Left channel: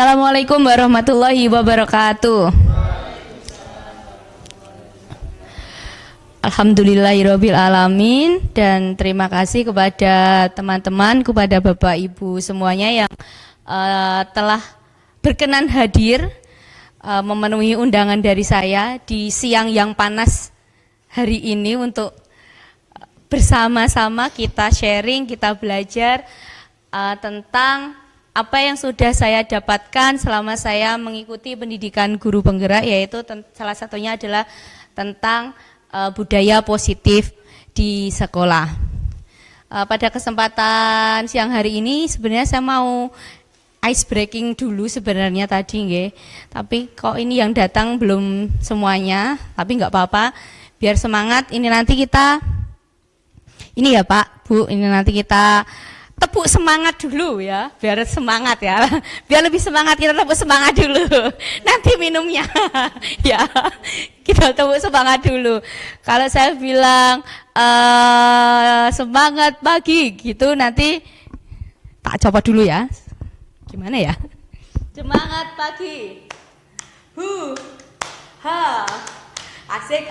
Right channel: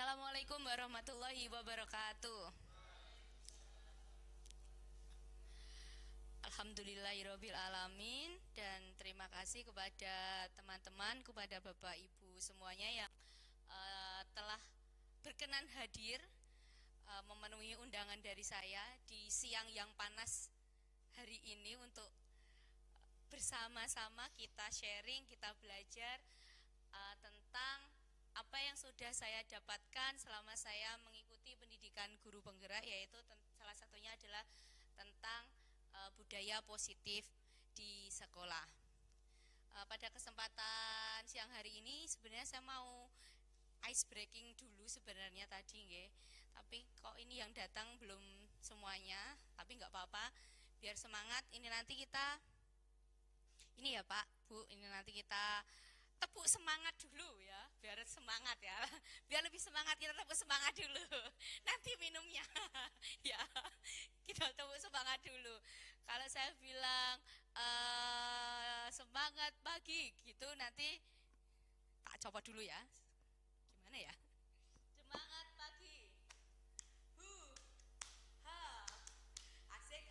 Assalamualaikum warahmatullahi wabarakatuh. Alhamdulillahirabbil alamin, dan terima kasih kepada teman-teman, kepada Bapak Ibu semuanya yang telah berkenan hadir memenuhi undangan dari saya di siang yang panas hari ini untuk bersama-sama kita sharing, kita belajar tentang apa yang sudah saya dapatkan selama saya mengikuti pendidikan guru penggerak, yaitu salah satunya adalah tentang budaya positif di sekolah. Pada kesempatan siang hari ini sebenarnya saya mau ice breaking dulu sebenarnya tadi nggih. Tapi kok ini yang datang belum semuanya, tapi nggak apa-apa. Biar semangat, ini nanti kita ini ya Pak, Bu, ini nanti kita tepuk semangat dulu ya, biar semangat ya, biar lebih semangat kita tepuk semangat dulu, nanti minumnya ya, kita tepuk semangat dulu. Kalau saya bilang semangat pagi gitu, nanti tak coba dulu ya, gimana ya, semangat pagi, ha, asik,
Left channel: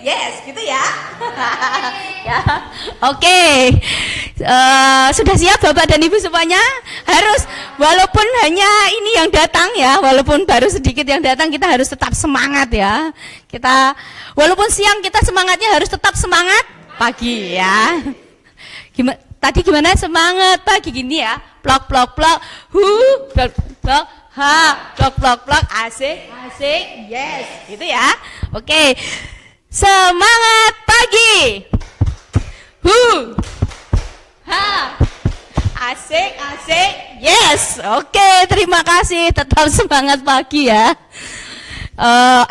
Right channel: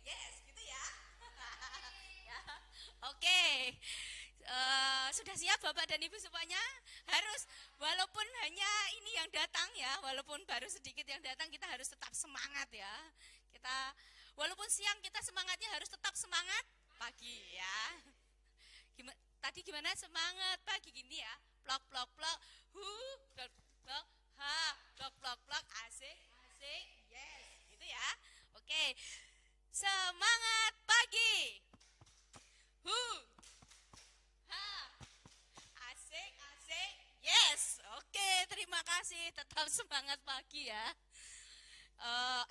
yes, gitu ya. Ya, oke. Sudah siap Bapak dan Ibu semuanya? Harus, walaupun hanya ini yang datang ya, walaupun baru sedikit yang datang, kita harus tetap semangat ya. Kita, walaupun siang kita semangatnya harus tetap semangat pagi ya. Tadi gimana semangat pagi gini ya? Plok, plok, plok, plok, plok. Ha, plok, asik, yes, gitu ya. Oke, semangat pagi. Ha, asik, yes. Oke, terima kasih. Tetap semangat pagi ya.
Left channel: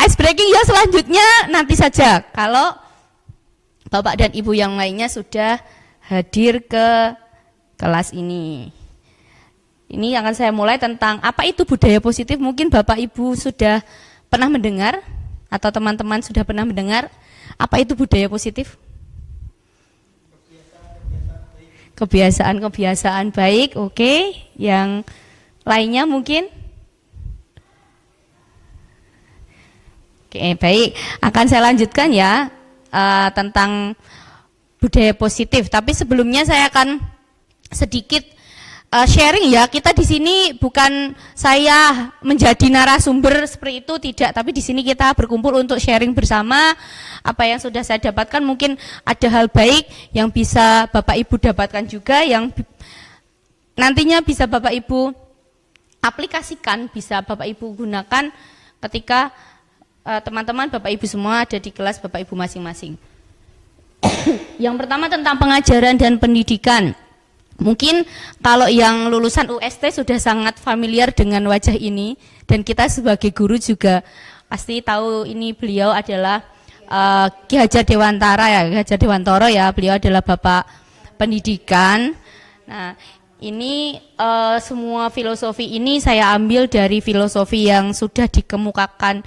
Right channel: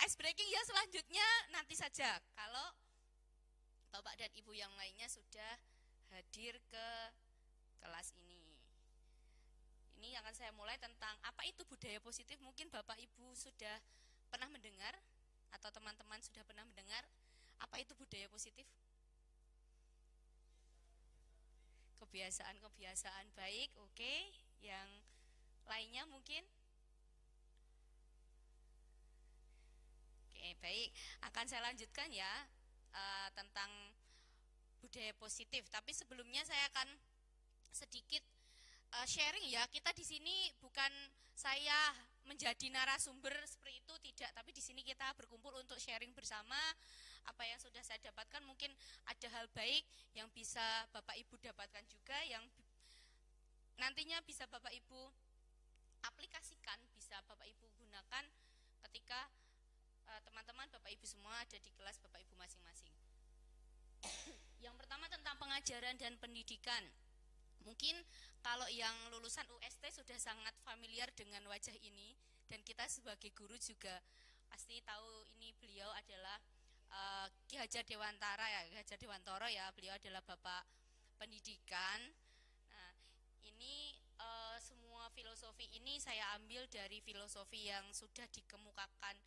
Ice breaking ya selanjutnya nanti saja. Kalau Bapak dan Ibu yang lainnya sudah hadir ke kelas ini. Ini akan saya mulai tentang apa itu budaya positif. Mungkin Bapak Ibu sudah pernah mendengar atau teman-teman sudah pernah mendengar apa itu budaya positif? Kebiasaan baik, oke. Yang lainnya mungkin? Oke, baik. Akan saya lanjutkan ya tentang budaya positif. Tapi sebelumnya saya akan sedikit sharing ya. Kita di sini bukan saya menjadi narasumber seperti itu, tidak, tapi di sini kita berkumpul untuk sharing bersama apa yang sudah saya dapatkan. Mungkin ada hal baik yang bisa Bapak Ibu dapatkan juga, yang nantinya bisa Bapak Ibu aplikasikan, bisa Bapak Ibu gunakan ketika teman-teman Bapak Ibu semua ada di kelas Bapak Ibu masing-masing. Yang pertama tentang pengajaran dan pendidikan. Mungkin kalau yang lulusan UST sudah sangat familiar dengan wajah ini, dan kita sebagai guru juga pasti tahu ini beliau adalah Ki Hajar Dewantara ya, Ki Hajar Dewantoro ya, beliau adalah Bapak Pendidikan. Nah, ini semua filosofi ini saya ambil dari filosofi yang sudah dikemukakan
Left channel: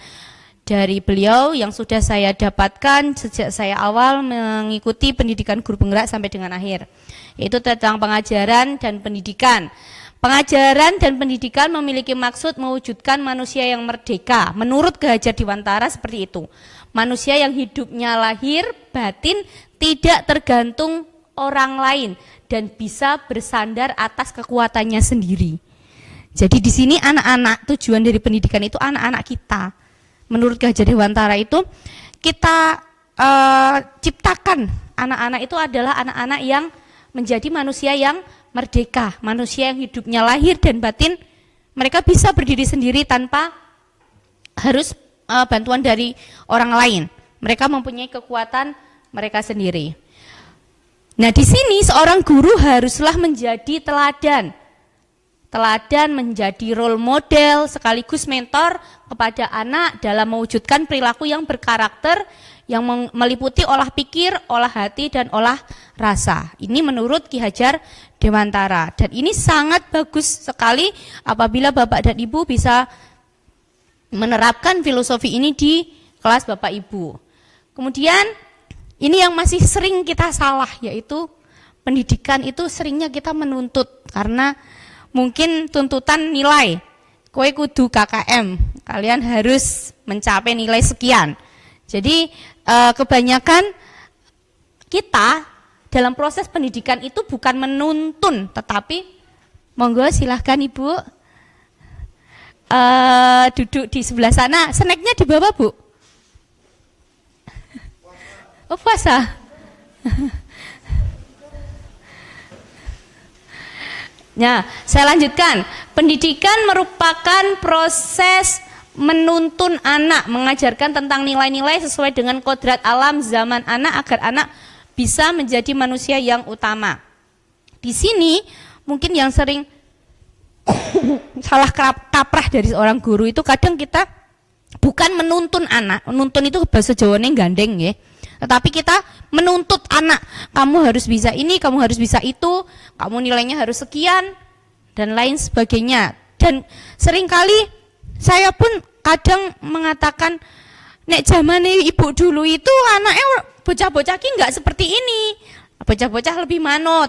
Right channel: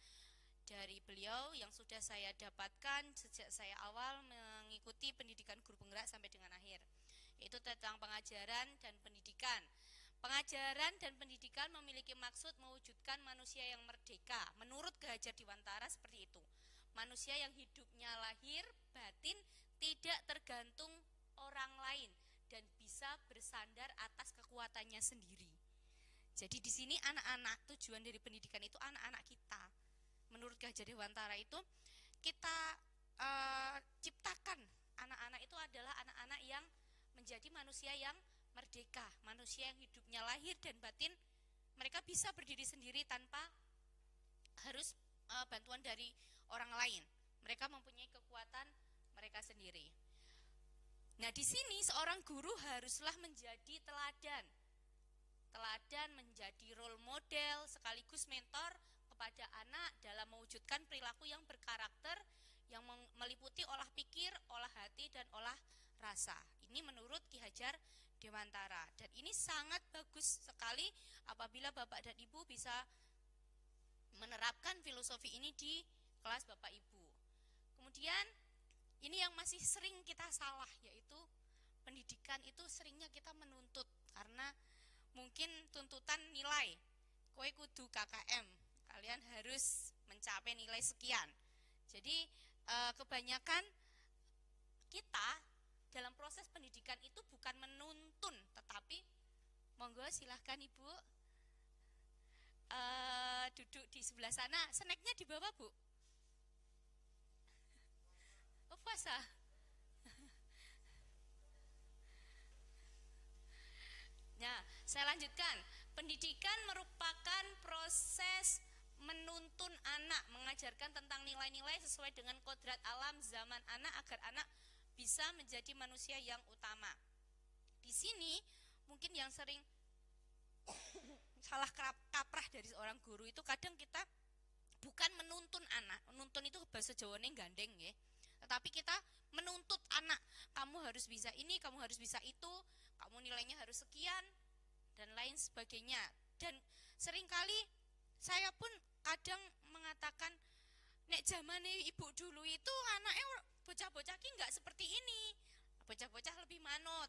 dari beliau, yang sudah saya dapatkan sejak saya awal mengikuti pendidikan guru penggerak sampai dengan akhir, yaitu tentang pengajaran dan pendidikan. Pengajaran dan pendidikan memiliki maksud mewujudkan manusia yang merdeka. Menurut Ki Hajar Dewantara seperti itu. Manusia yang hidupnya lahir, batin, tidak tergantung orang lain dan bisa bersandar atas kekuatannya sendiri. Jadi di sini anak-anak, tujuan dari pendidikan itu anak-anak kita. Menurut Ki Hajar Dewantara itu kita ciptakan anak-anak itu adalah anak-anak yang menjadi manusia yang merdeka, manusia yang hidupnya lahir dan batin, mereka bisa berdiri sendiri tanpa harus bantuan dari orang lain. Mereka mempunyai kekuatan mereka sendiri. Nah, di sini seorang guru haruslah menjadi teladan. Teladan, menjadi role model sekaligus mentor kepada anak dalam mewujudkan perilaku yang berkarakter, yang meliputi olah pikir, olah hati, dan olah rasa. Ini menurut Ki Hajar Dewantara. Dan ini sangat bagus sekali apabila Bapak dan Ibu bisa menerapkan filosofi ini di kelas Bapak Ibu. Kemudian ini yang masih sering kita salah, yaitu pendidikan itu seringnya kita menuntut karena mungkin tuntutan nilai. kowe kudu KKM, kalian harus mencapai nilai sekian. Jadi kebanyakan kita dalam proses pendidikan itu bukan menuntun, tetapi monggo silahkan Ibu duduk di sebelah sana. Snacknya dibawa Bu? Oh puasa. Nah, saya lanjutkan. Pendidikan merupakan proses menuntun anak, mengajarkan tentang nilai-nilai sesuai dengan kodrat alam zaman anak agar anak bisa menjadi manusia yang utama. Di sini mungkin yang sering salah kaprah dari seorang guru itu kadang kita bukan menuntun anak, menuntun itu bahasa Jawane gandeng ya. Tetapi kita menuntut anak, kamu harus bisa ini, kamu harus bisa itu, kamu nilainya harus sekian, dan lain sebagainya. Dan seringkali saya pun kadang mengatakan, nek zaman ibu dulu itu anaknya bocah-bocah ki nggak seperti ini, bocah-bocah lebih manut.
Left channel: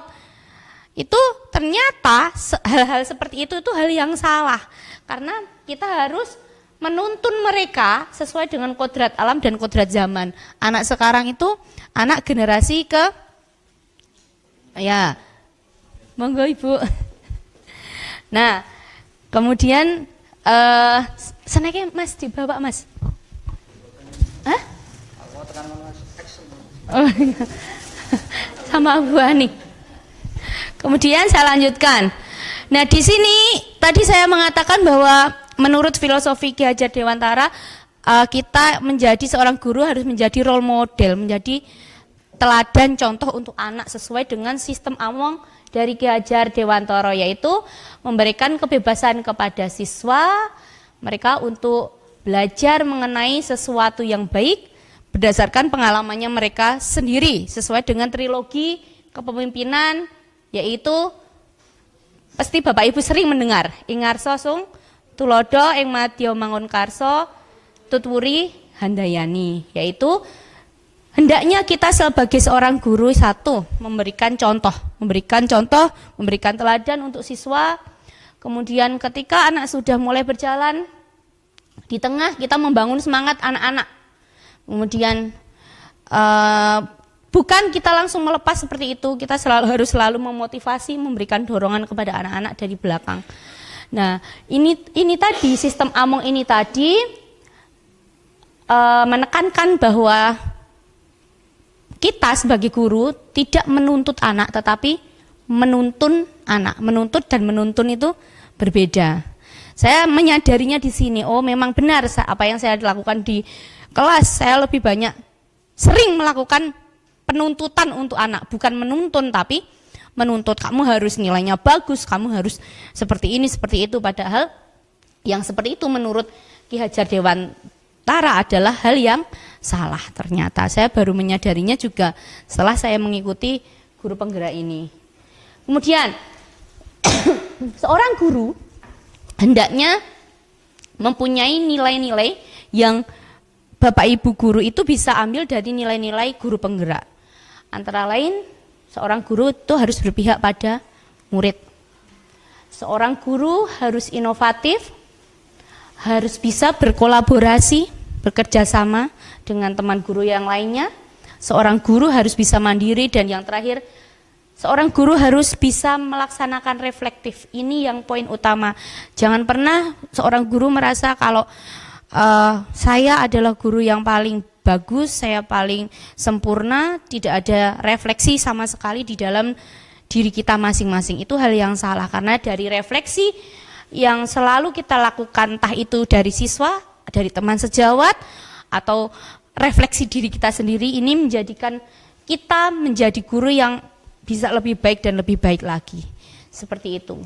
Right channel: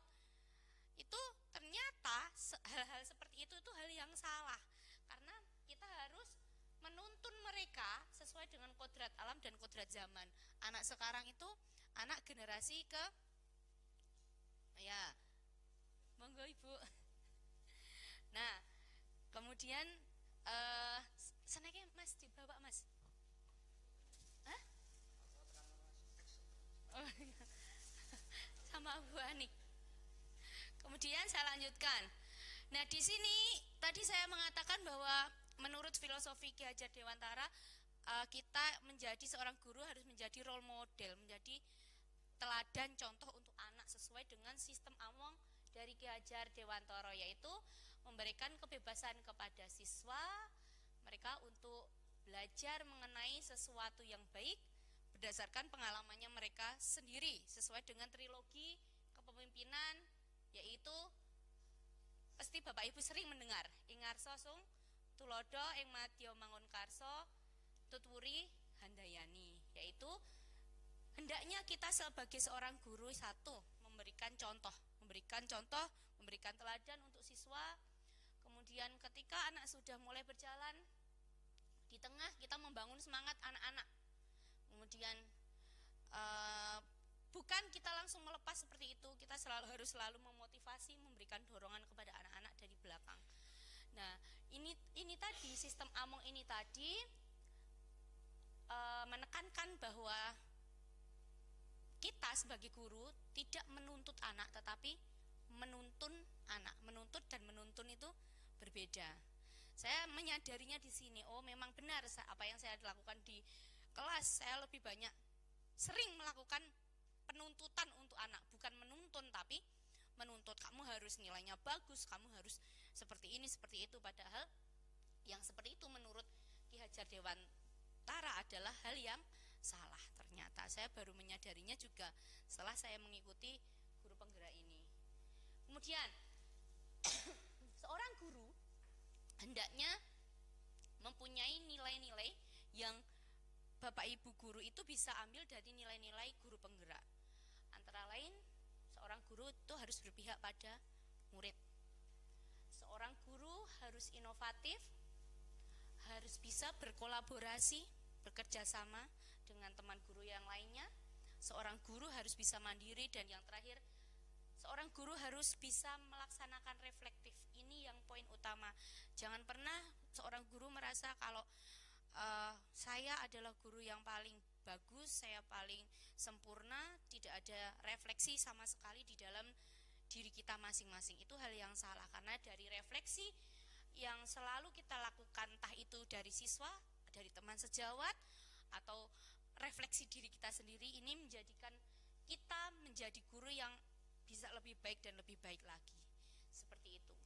Itu ternyata hal-hal seperti itu hal yang salah, karena kita harus menuntun mereka sesuai dengan kodrat alam dan kodrat zaman. Anak sekarang itu anak generasi ya, monggo Ibu. Nah, kemudian seneknya Mas dibawa Mas. Hah? Oh, iya. Sama Bu Ani. Kemudian saya lanjutkan. Nah, di sini tadi saya mengatakan bahwa menurut filosofi Ki Hajar Dewantara, kita menjadi seorang guru harus menjadi role model, menjadi teladan contoh untuk anak sesuai dengan sistem Among dari Ki Hajar Dewantara, yaitu memberikan kebebasan kepada siswa mereka untuk belajar mengenai sesuatu yang baik berdasarkan pengalamannya mereka sendiri sesuai dengan trilogi kepemimpinan, yaitu pasti Bapak Ibu sering mendengar Ingarso Sung Tulodo ing Madya Mangun Karso Tutwuri Handayani, yaitu hendaknya kita sebagai seorang guru satu memberikan contoh, memberikan teladan untuk siswa. Kemudian ketika anak sudah mulai berjalan, di tengah kita membangun semangat anak-anak. Kemudian bukan kita langsung melepas seperti itu, kita harus selalu memotivasi, memberikan dorongan kepada anak-anak dari belakang. Nah, ini tadi sistem Among ini tadi menekankan bahwa kita sebagai guru tidak menuntut anak, tetapi menuntun anak. Menuntut dan menuntun itu berbeda. Saya menyadarinya di sini, oh memang benar apa yang saya lakukan di kelas. Saya lebih banyak sering melakukan penuntutan untuk anak, bukan menuntun tapi menuntut, kamu harus nilainya bagus, kamu harus seperti ini, seperti itu. Padahal yang seperti itu menurut Ki Hajar Dewantara adalah hal yang salah. Ternyata saya baru menyadarinya juga setelah saya mengikuti guru penggerak ini. Kemudian seorang guru hendaknya mempunyai nilai-nilai yang Bapak Ibu guru itu bisa ambil dari nilai-nilai guru penggerak. Antara lain, seorang guru itu harus berpihak pada murid. Seorang guru harus inovatif, harus bisa berkolaborasi, bekerja sama dengan teman guru yang lainnya. Seorang guru harus bisa mandiri, dan yang terakhir, seorang guru harus bisa melaksanakan reflektif. Ini yang poin utama. Jangan pernah seorang guru merasa kalau saya adalah guru yang paling bagus, saya paling sempurna, tidak ada refleksi sama sekali di dalam diri kita masing-masing. Itu hal yang salah, karena dari refleksi yang selalu kita lakukan, entah itu dari siswa, dari teman sejawat, atau refleksi diri kita sendiri, ini menjadikan kita menjadi guru yang bisa lebih baik dan lebih baik lagi. Seperti itu.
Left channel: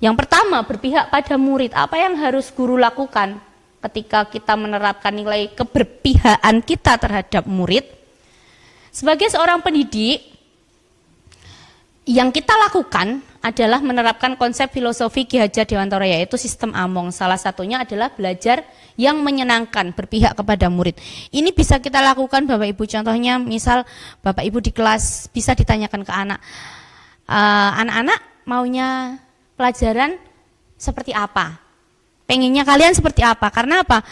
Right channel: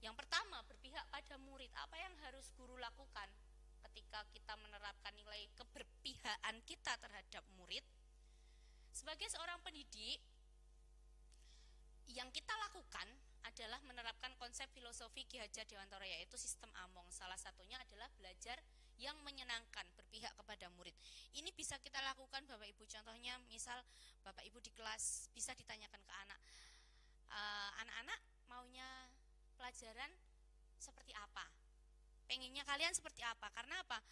Yang pertama, berpihak pada murid. Apa yang harus guru lakukan ketika kita menerapkan nilai keberpihakan kita terhadap murid? Sebagai seorang pendidik, yang kita lakukan adalah menerapkan konsep filosofi Ki Hajar Dewantara, yaitu sistem Among. Salah satunya adalah belajar yang menyenangkan, berpihak kepada murid. Ini bisa kita lakukan Bapak Ibu, contohnya misal Bapak Ibu di kelas bisa ditanyakan ke anak, anak-anak maunya pelajaran seperti apa? Pengennya kalian seperti apa? Karena apa?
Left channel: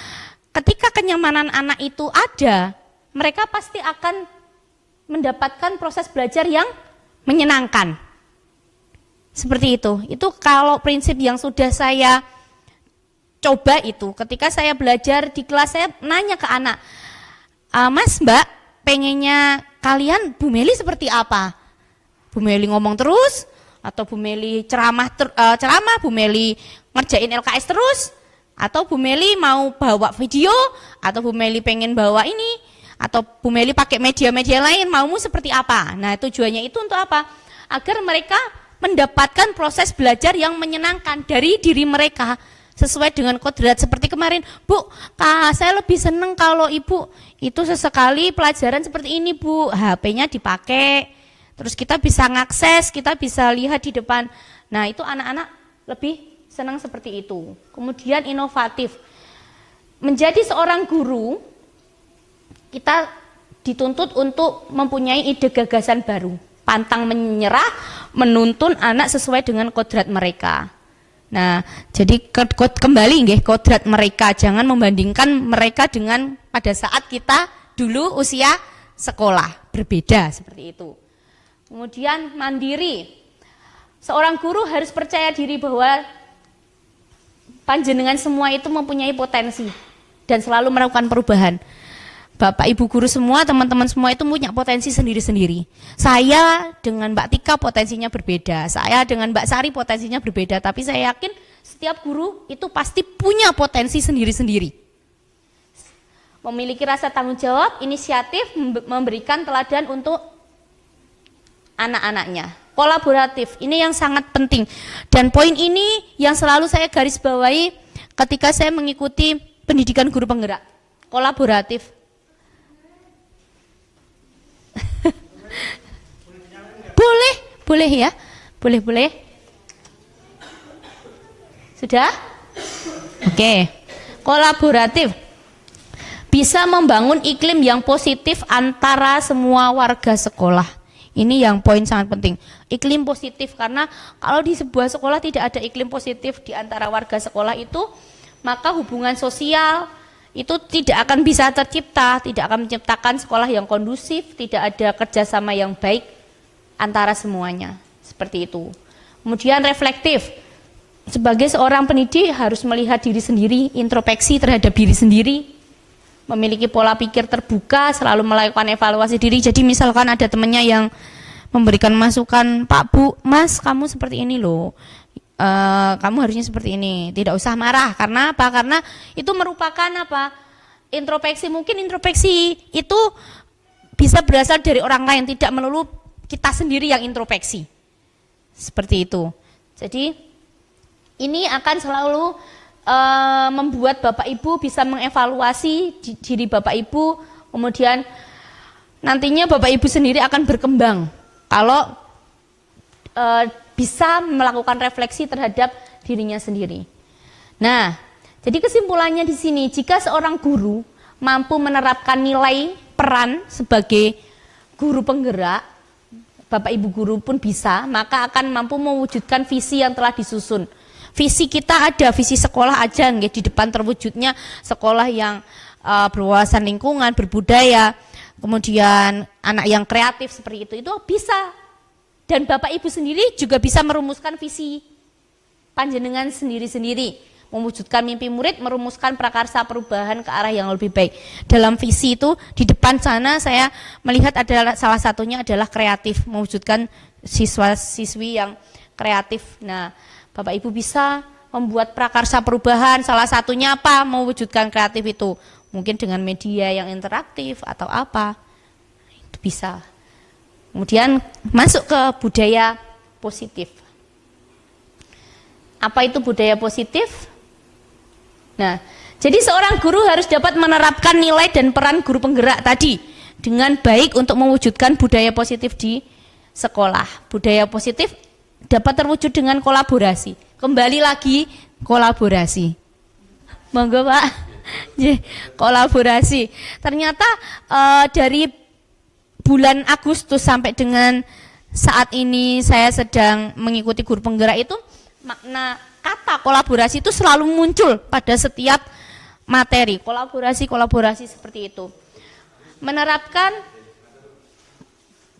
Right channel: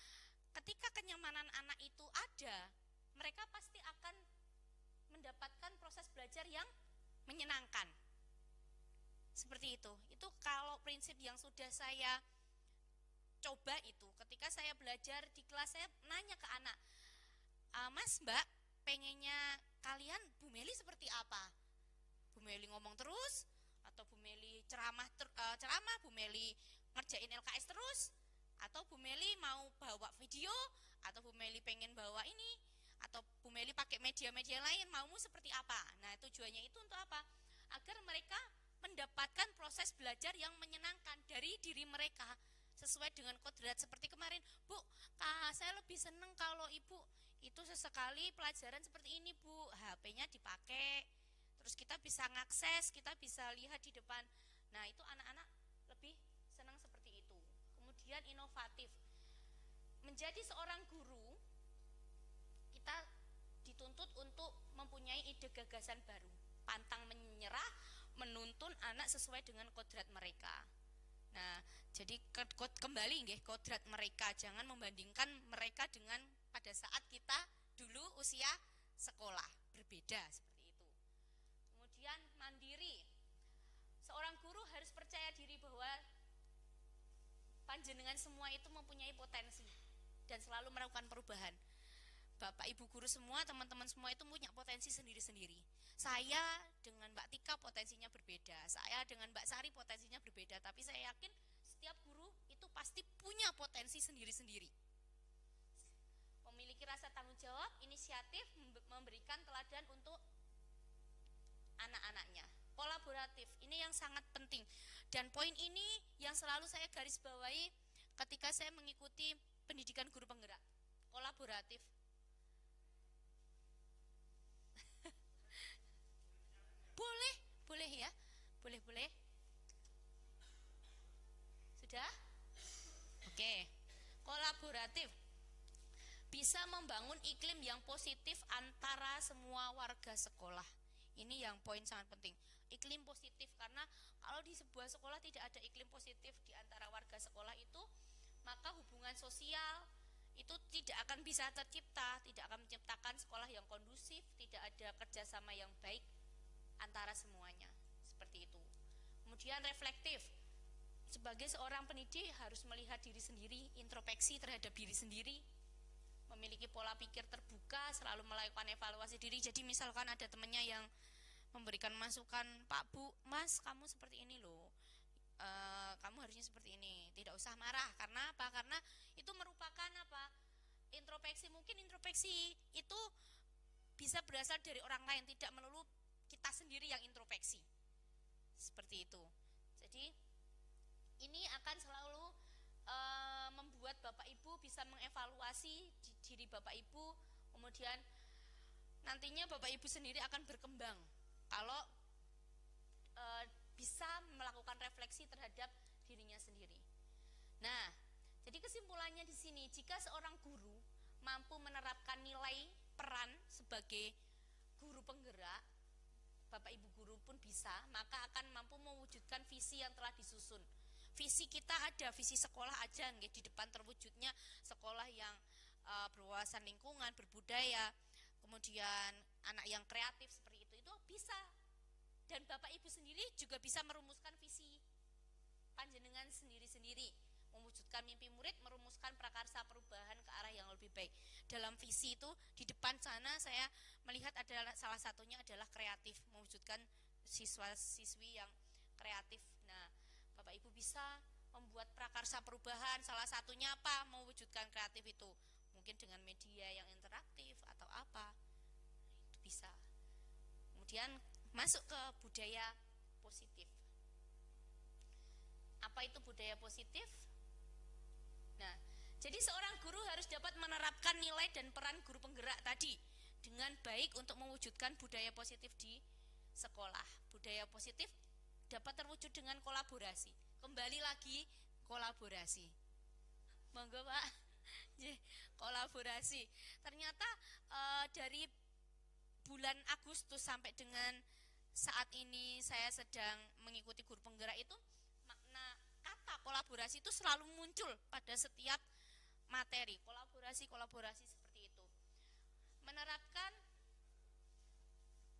Ketika kenyamanan anak itu ada, mereka pasti akan mendapatkan proses belajar yang menyenangkan. Seperti itu. Itu kalau prinsip yang sudah saya coba itu. Ketika saya belajar di kelas, saya nanya ke anak, Mas, Mbak, pengennya kalian Bu Meli seperti apa? Bu Meli ngomong terus, atau Bu Meli ceramah, Bu Meli ngerjain LKS terus, atau Bu Meli mau bawa video, atau Bu Meli pengen bawa ini, atau Bu Meli pakai media-media lain, maumu seperti apa? Nah, tujuannya itu untuk apa? Agar mereka mendapatkan proses belajar yang menyenangkan dari diri mereka sesuai dengan kodrat. Seperti kemarin, Bu, saya lebih seneng kalau Ibu itu sesekali pelajaran seperti ini, Bu, HP-nya dipakai, terus kita bisa ngakses, kita bisa lihat di depan. Nah, itu anak-anak lebih senang seperti itu. Kemudian inovatif. Menjadi seorang guru, kita dituntut untuk mempunyai ide gagasan baru, pantang menyerah, menuntun anak sesuai dengan kodrat mereka. Nah, jadi kembali nggih kodrat mereka, jangan membandingkan mereka dengan pada saat kita dulu usia sekolah, berbeda seperti itu. Kemudian mandiri. Seorang guru harus percaya diri bahwa panjenengan semua itu mempunyai potensi dan selalu melakukan perubahan. Bapak Ibu guru semua, teman-teman semua itu punya potensi sendiri-sendiri. Saya dengan Mbak Tika potensinya berbeda, saya dengan Mbak Sari potensinya berbeda, tapi saya yakin setiap guru itu pasti punya potensi sendiri-sendiri. Memiliki rasa tanggung jawab, inisiatif, memberikan teladan untuk anak-anaknya. Kolaboratif, ini yang sangat penting. Dan poin ini yang selalu saya garis bawahi ketika saya mengikuti pendidikan guru penggerak. Kolaboratif. Boleh ya, boleh. Sudah? Oke. Kolaboratif. Bisa membangun iklim yang positif antara semua warga sekolah. Ini yang poin sangat penting. Iklim positif, karena kalau di sebuah sekolah tidak ada iklim positif di antara warga sekolah itu, maka hubungan sosial itu tidak akan bisa tercipta, tidak akan menciptakan sekolah yang kondusif, tidak ada kerjasama yang baik antara semuanya, seperti itu. Kemudian reflektif, sebagai seorang pendidik harus melihat diri sendiri, introspeksi terhadap diri sendiri, memiliki pola pikir terbuka, selalu melakukan evaluasi diri. Jadi misalkan ada temannya yang memberikan masukan, Pak, Bu, Mas, kamu seperti ini loh, kamu harusnya seperti ini, tidak usah marah. Karena apa? Karena itu merupakan apa? Introspeksi. Mungkin introspeksi itu bisa berasal dari orang lain, tidak melulu kita sendiri yang introspeksi. Seperti itu. Jadi ini akan selalu membuat Bapak Ibu bisa mengevaluasi diri Bapak Ibu, kemudian nantinya Bapak Ibu sendiri akan berkembang kalau bisa melakukan refleksi terhadap dirinya sendiri. Nah, jadi kesimpulannya di sini, jika seorang guru mampu menerapkan nilai peran sebagai guru penggerak, Bapak Ibu guru pun bisa, maka akan mampu mewujudkan visi yang telah disusun. Visi kita ada, visi sekolah aja, di depan terwujudnya sekolah yang berwawasan lingkungan, berbudaya, kemudian anak yang kreatif seperti itu bisa. Dan Bapak Ibu sendiri juga bisa merumuskan visi panjenengan sendiri-sendiri, mewujudkan mimpi murid, merumuskan prakarsa perubahan ke arah yang lebih baik. Dalam visi itu di depan sana saya melihat adalah salah satunya adalah kreatif, mewujudkan siswa-siswi yang kreatif. Nah, Bapak Ibu bisa membuat prakarsa perubahan, salah satunya apa? Mewujudkan kreatif itu. Mungkin dengan media yang interaktif atau apa. Itu bisa. Kemudian masuk ke budaya positif. Apa itu budaya positif? Nah, jadi seorang guru harus dapat menerapkan nilai dan peran guru penggerak tadi dengan baik untuk mewujudkan budaya positif di sekolah. Budaya positif dapat terwujud dengan kolaborasi. Kembali lagi kolaborasi. Monggo Pak. Kolaborasi. Ternyata dari bulan Agustus sampai dengan saat ini saya sedang mengikuti guru penggerak itu, makna kata kolaborasi itu selalu muncul pada setiap materi. Kolaborasi seperti itu. Menerapkan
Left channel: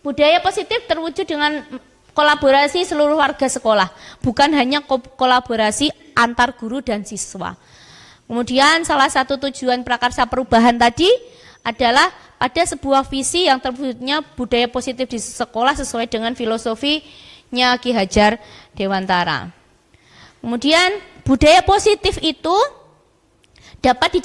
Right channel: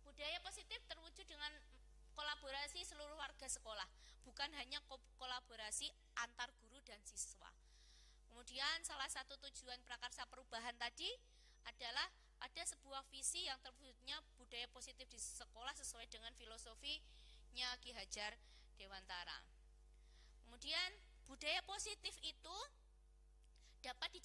budaya positif terwujud dengan kolaborasi seluruh warga sekolah, bukan hanya kolaborasi antar guru dan siswa. Kemudian salah satu tujuan prakarsa perubahan tadi adalah pada sebuah visi yang terwujudnya budaya positif di sekolah sesuai dengan filosofinya Ki Hajar Dewantara. Kemudian budaya positif itu dapat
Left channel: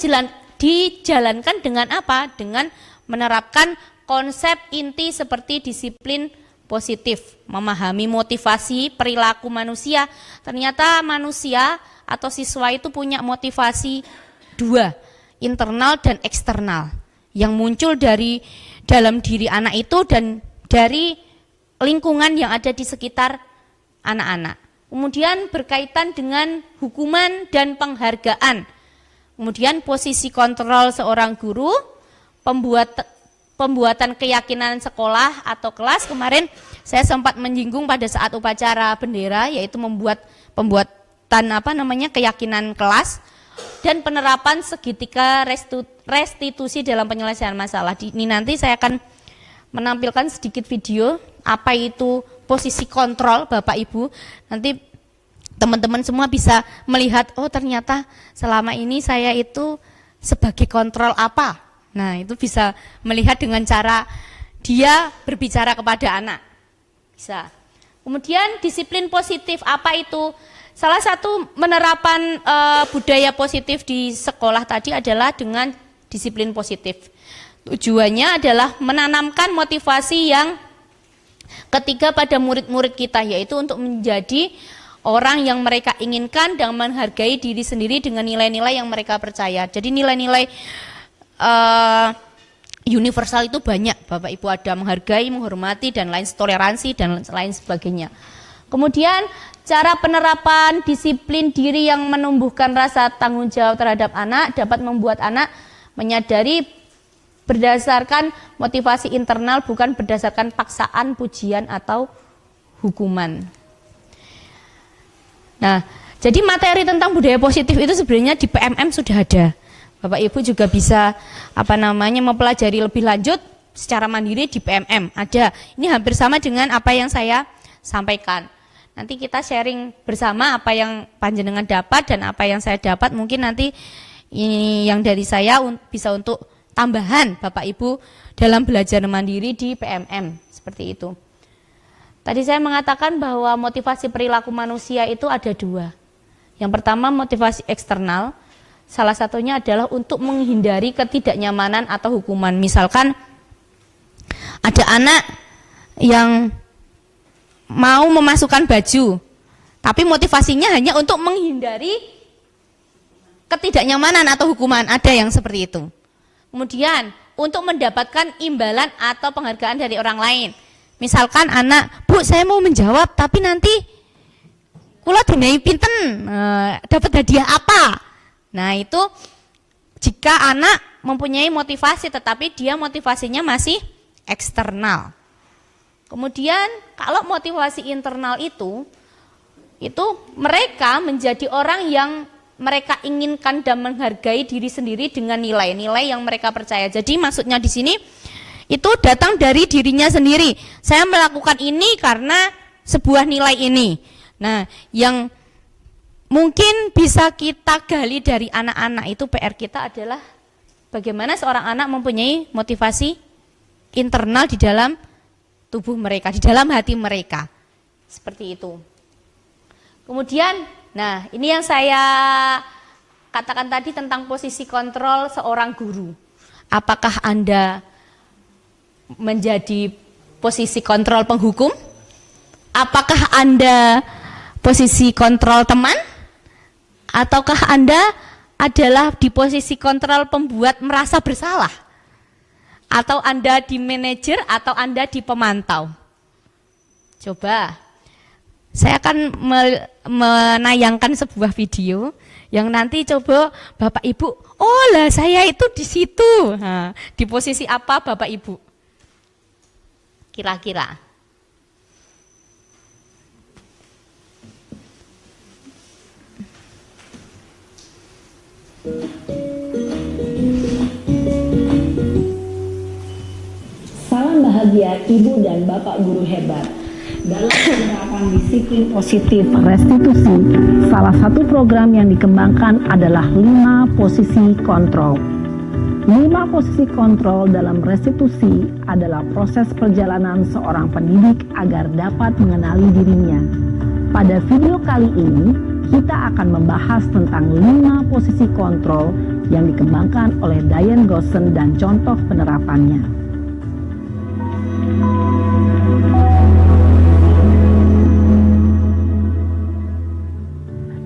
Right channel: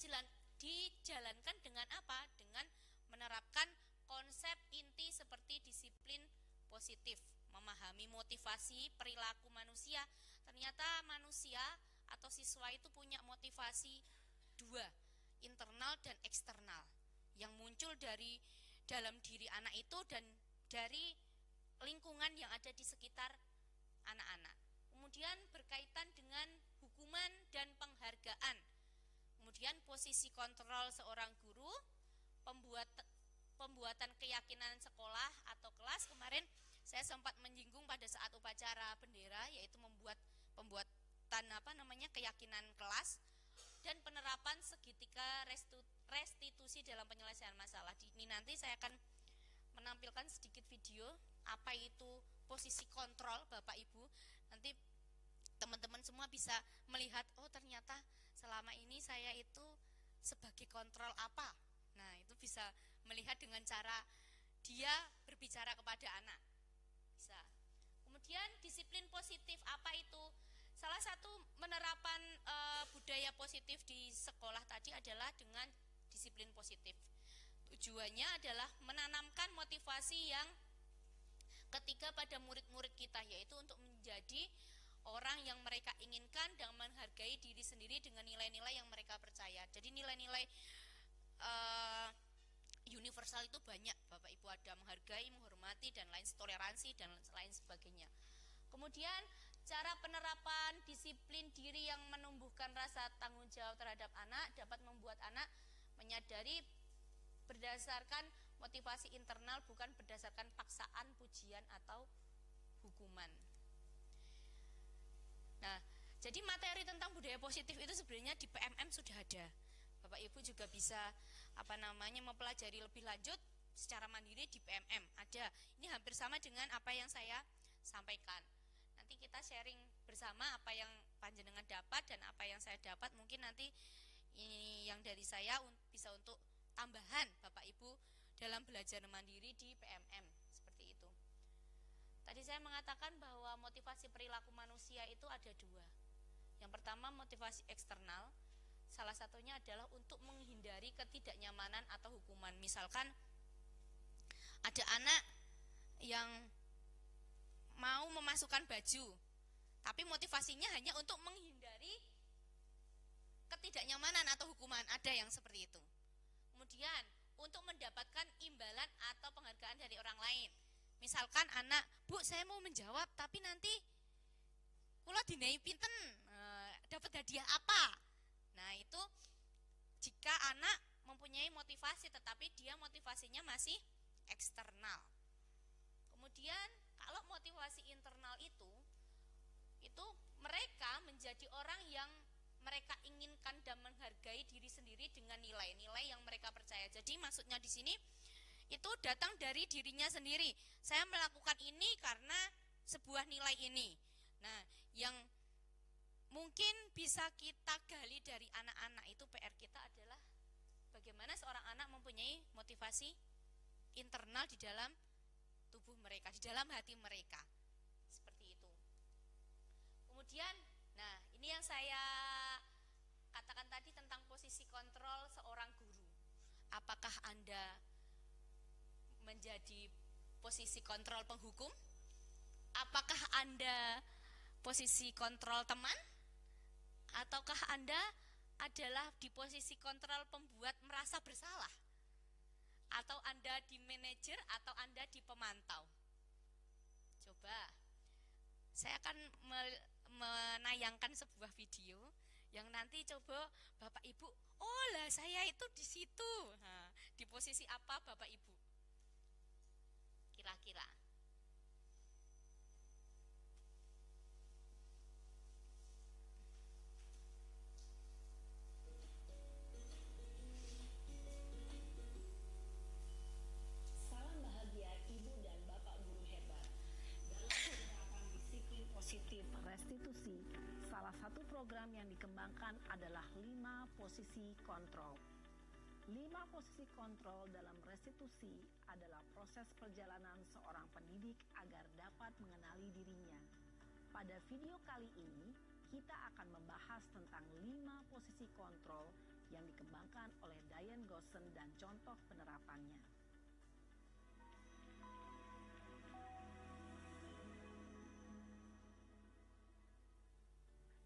dijalankan dengan apa? Dengan menerapkan konsep inti seperti disiplin positif, memahami motivasi perilaku manusia. Ternyata manusia atau siswa itu punya motivasi dua, internal dan eksternal, yang muncul dari dalam diri anak itu dan dari lingkungan yang ada di sekitar anak-anak. Kemudian berkaitan dengan hukuman dan penghargaan. Kemudian posisi kontrol seorang guru, pembuatan keyakinan sekolah atau kelas. Kemarin saya sempat menyinggung pada saat upacara bendera, yaitu pembuatan keyakinan kelas dan penerapan segitiga restitusi dalam penyelesaian masalah. Ini nanti saya akan menampilkan sedikit video apa itu posisi kontrol Bapak Ibu. Nanti teman-teman semua bisa melihat, oh ternyata selama ini saya itu sebagai kontrol apa. Nah, itu bisa melihat dengan cara dia berbicara kepada anak. Bisa. Kemudian disiplin positif, apa itu? Salah satu menerapan budaya positif di sekolah tadi adalah dengan disiplin positif. Tujuannya adalah menanamkan motivasi yang ketiga pada murid-murid kita, yaitu untuk menjadi orang yang mereka inginkan dan menghargai diri sendiri dengan nilai-nilai yang mereka percaya. Jadi nilai-nilai universal itu banyak, Bapak Ibu, ada menghargai, menghormati, dan lain, toleransi dan lain sebagainya. Kemudian cara penerapan disiplin diri yang menumbuhkan rasa tanggung jawab terhadap anak dapat membuat anak menyadari berdasarkan motivasi internal, bukan berdasarkan paksaan, pujian, atau hukuman. Nah, jadi materi tentang budaya positif itu sebenarnya di PMM sudah ada. Bapak Ibu juga bisa mempelajari lebih lanjut secara mandiri di PMM. Ada. Ini hampir sama dengan apa yang saya sampaikan. Nanti kita sharing bersama apa yang panjenengan dapat dan apa yang saya dapat. Mungkin nanti ini yang dari saya bisa untuk tambahan Bapak Ibu dalam belajar mandiri di PMM. Seperti itu. Tadi saya mengatakan bahwa motivasi perilaku manusia itu ada dua. Yang pertama motivasi eksternal. Salah satunya adalah untuk menghindari ketidaknyamanan atau hukuman. Misalkan ada anak yang mau memasukkan baju, tapi motivasinya hanya untuk menghindari ketidaknyamanan atau hukuman. Ada yang seperti itu. Kemudian untuk mendapatkan imbalan atau penghargaan dari orang lain. Misalkan anak, Bu saya mau menjawab tapi nanti kula dinai pinten, dapat hadiah apa? Nah itu jika anak mempunyai motivasi tetapi dia motivasinya masih eksternal. Kemudian kalau motivasi internal itu mereka menjadi orang yang mereka inginkan dan menghargai diri sendiri dengan nilai-nilai yang mereka percaya. Jadi maksudnya di sini itu datang dari dirinya sendiri. Saya melakukan ini karena sebuah nilai ini. Nah, yang mungkin bisa kita gali dari anak-anak itu PR kita adalah bagaimana seorang anak mempunyai motivasi internal di dalam tubuh mereka, di dalam hati mereka. Seperti itu. Kemudian, nah ini yang saya katakan tadi tentang posisi kontrol seorang guru. Apakah Anda menjadi posisi kontrol penghukum? Apakah Anda posisi kontrol teman? Ataukah Anda adalah di posisi kontrol pembuat merasa bersalah? Atau Anda di manajer atau Anda di pemantau? Coba, saya akan menayangkan sebuah video yang nanti coba Bapak Ibu, oh lah saya itu di situ. Nah, di posisi apa Bapak Ibu? Kira-kira. Bahagia Ibu dan Bapak Guru Hebat. Dalam penerapan disiplin positif restitusi, salah satu program yang dikembangkan adalah 5 posisi kontrol. 5 posisi kontrol dalam restitusi adalah proses perjalanan seorang pendidik agar dapat mengenali dirinya. Pada video kali ini, kita akan membahas tentang 5 posisi kontrol yang dikembangkan oleh Diane Gosson dan contoh penerapannya.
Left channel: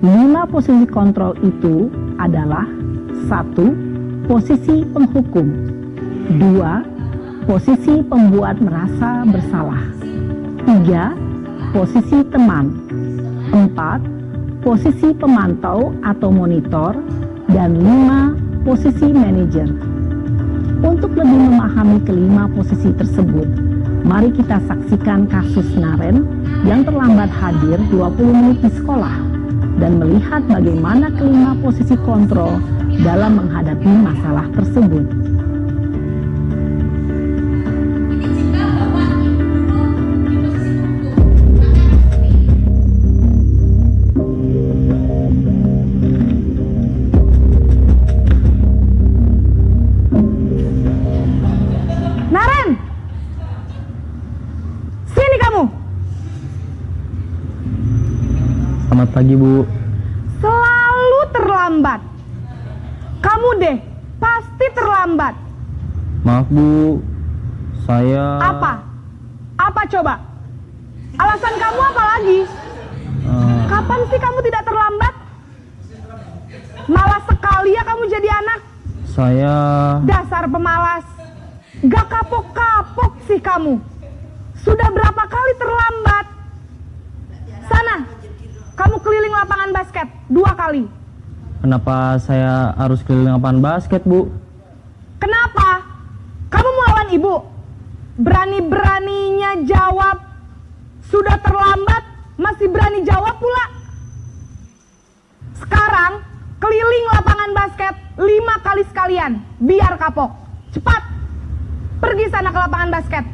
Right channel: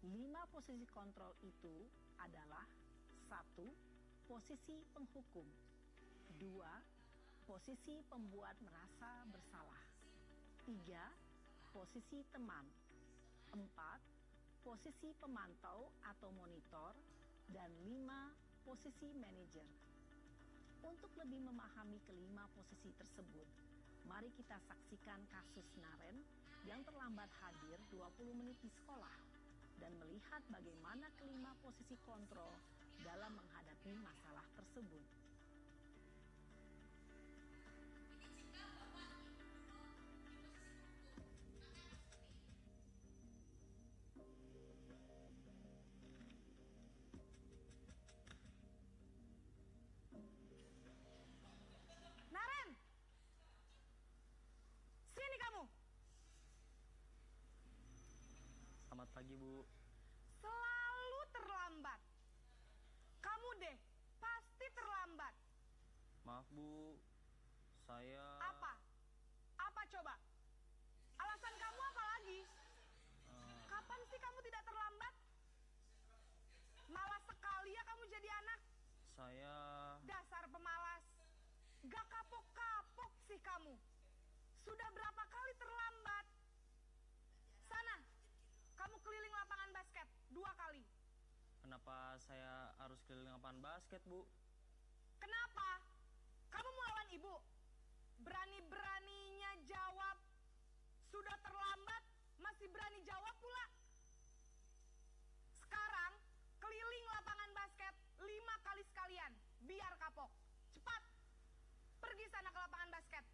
Lima posisi kontrol itu adalah 1. Posisi penghukum. 2. Posisi pembuat merasa bersalah. 3. Posisi teman. 4. Posisi pemantau atau monitor. Dan 5. Posisi manajer. Untuk lebih memahami kelima posisi tersebut, mari kita saksikan kasus Naren yang terlambat hadir 20 menit di sekolah dan melihat bagaimana kelima posisi kontrol dalam menghadapi masalah tersebut. Naren, sini kamu. Selamat pagi, Bu. Selalu terlambat. Kamu deh, pasti terlambat. Maaf, Bu. Saya... Apa? Apa coba? Alasan kamu apa lagi? Kapan sih kamu tidak terlambat? Malas sekali ya kamu jadi anak. Saya... Dasar pemalas. Gak kapok-kapok sih kamu. Sudah berapa kali terlambat? Sana, kamu keliling lapangan basket 2 kali. Kenapa saya harus keliling lapangan basket, Bu? Kenapa? Kamu melawan ibu? Berani-beraninya jawab. Sudah terlambat, masih berani jawab pula. Sekarang, keliling lapangan basket 5 kali sekalian. Biar kapok. Cepat. Pergi sana ke lapangan basket.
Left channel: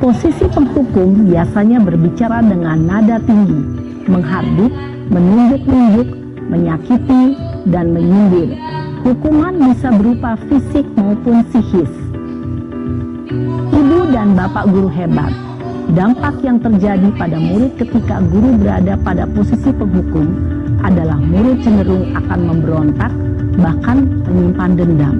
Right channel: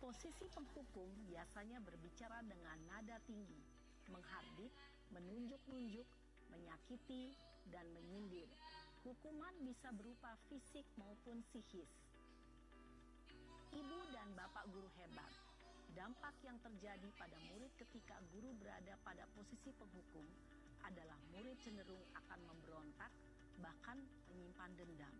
Posisi penghukum biasanya berbicara dengan nada tinggi, menghardik, menunjuk-nunjuk, menyakiti, dan menyindir. Hukuman bisa berupa fisik maupun psikis. Ibu dan Bapak Guru Hebat. Dampak yang terjadi pada murid ketika guru berada pada posisi penghukum adalah murid cenderung akan memberontak, bahkan menyimpan dendam.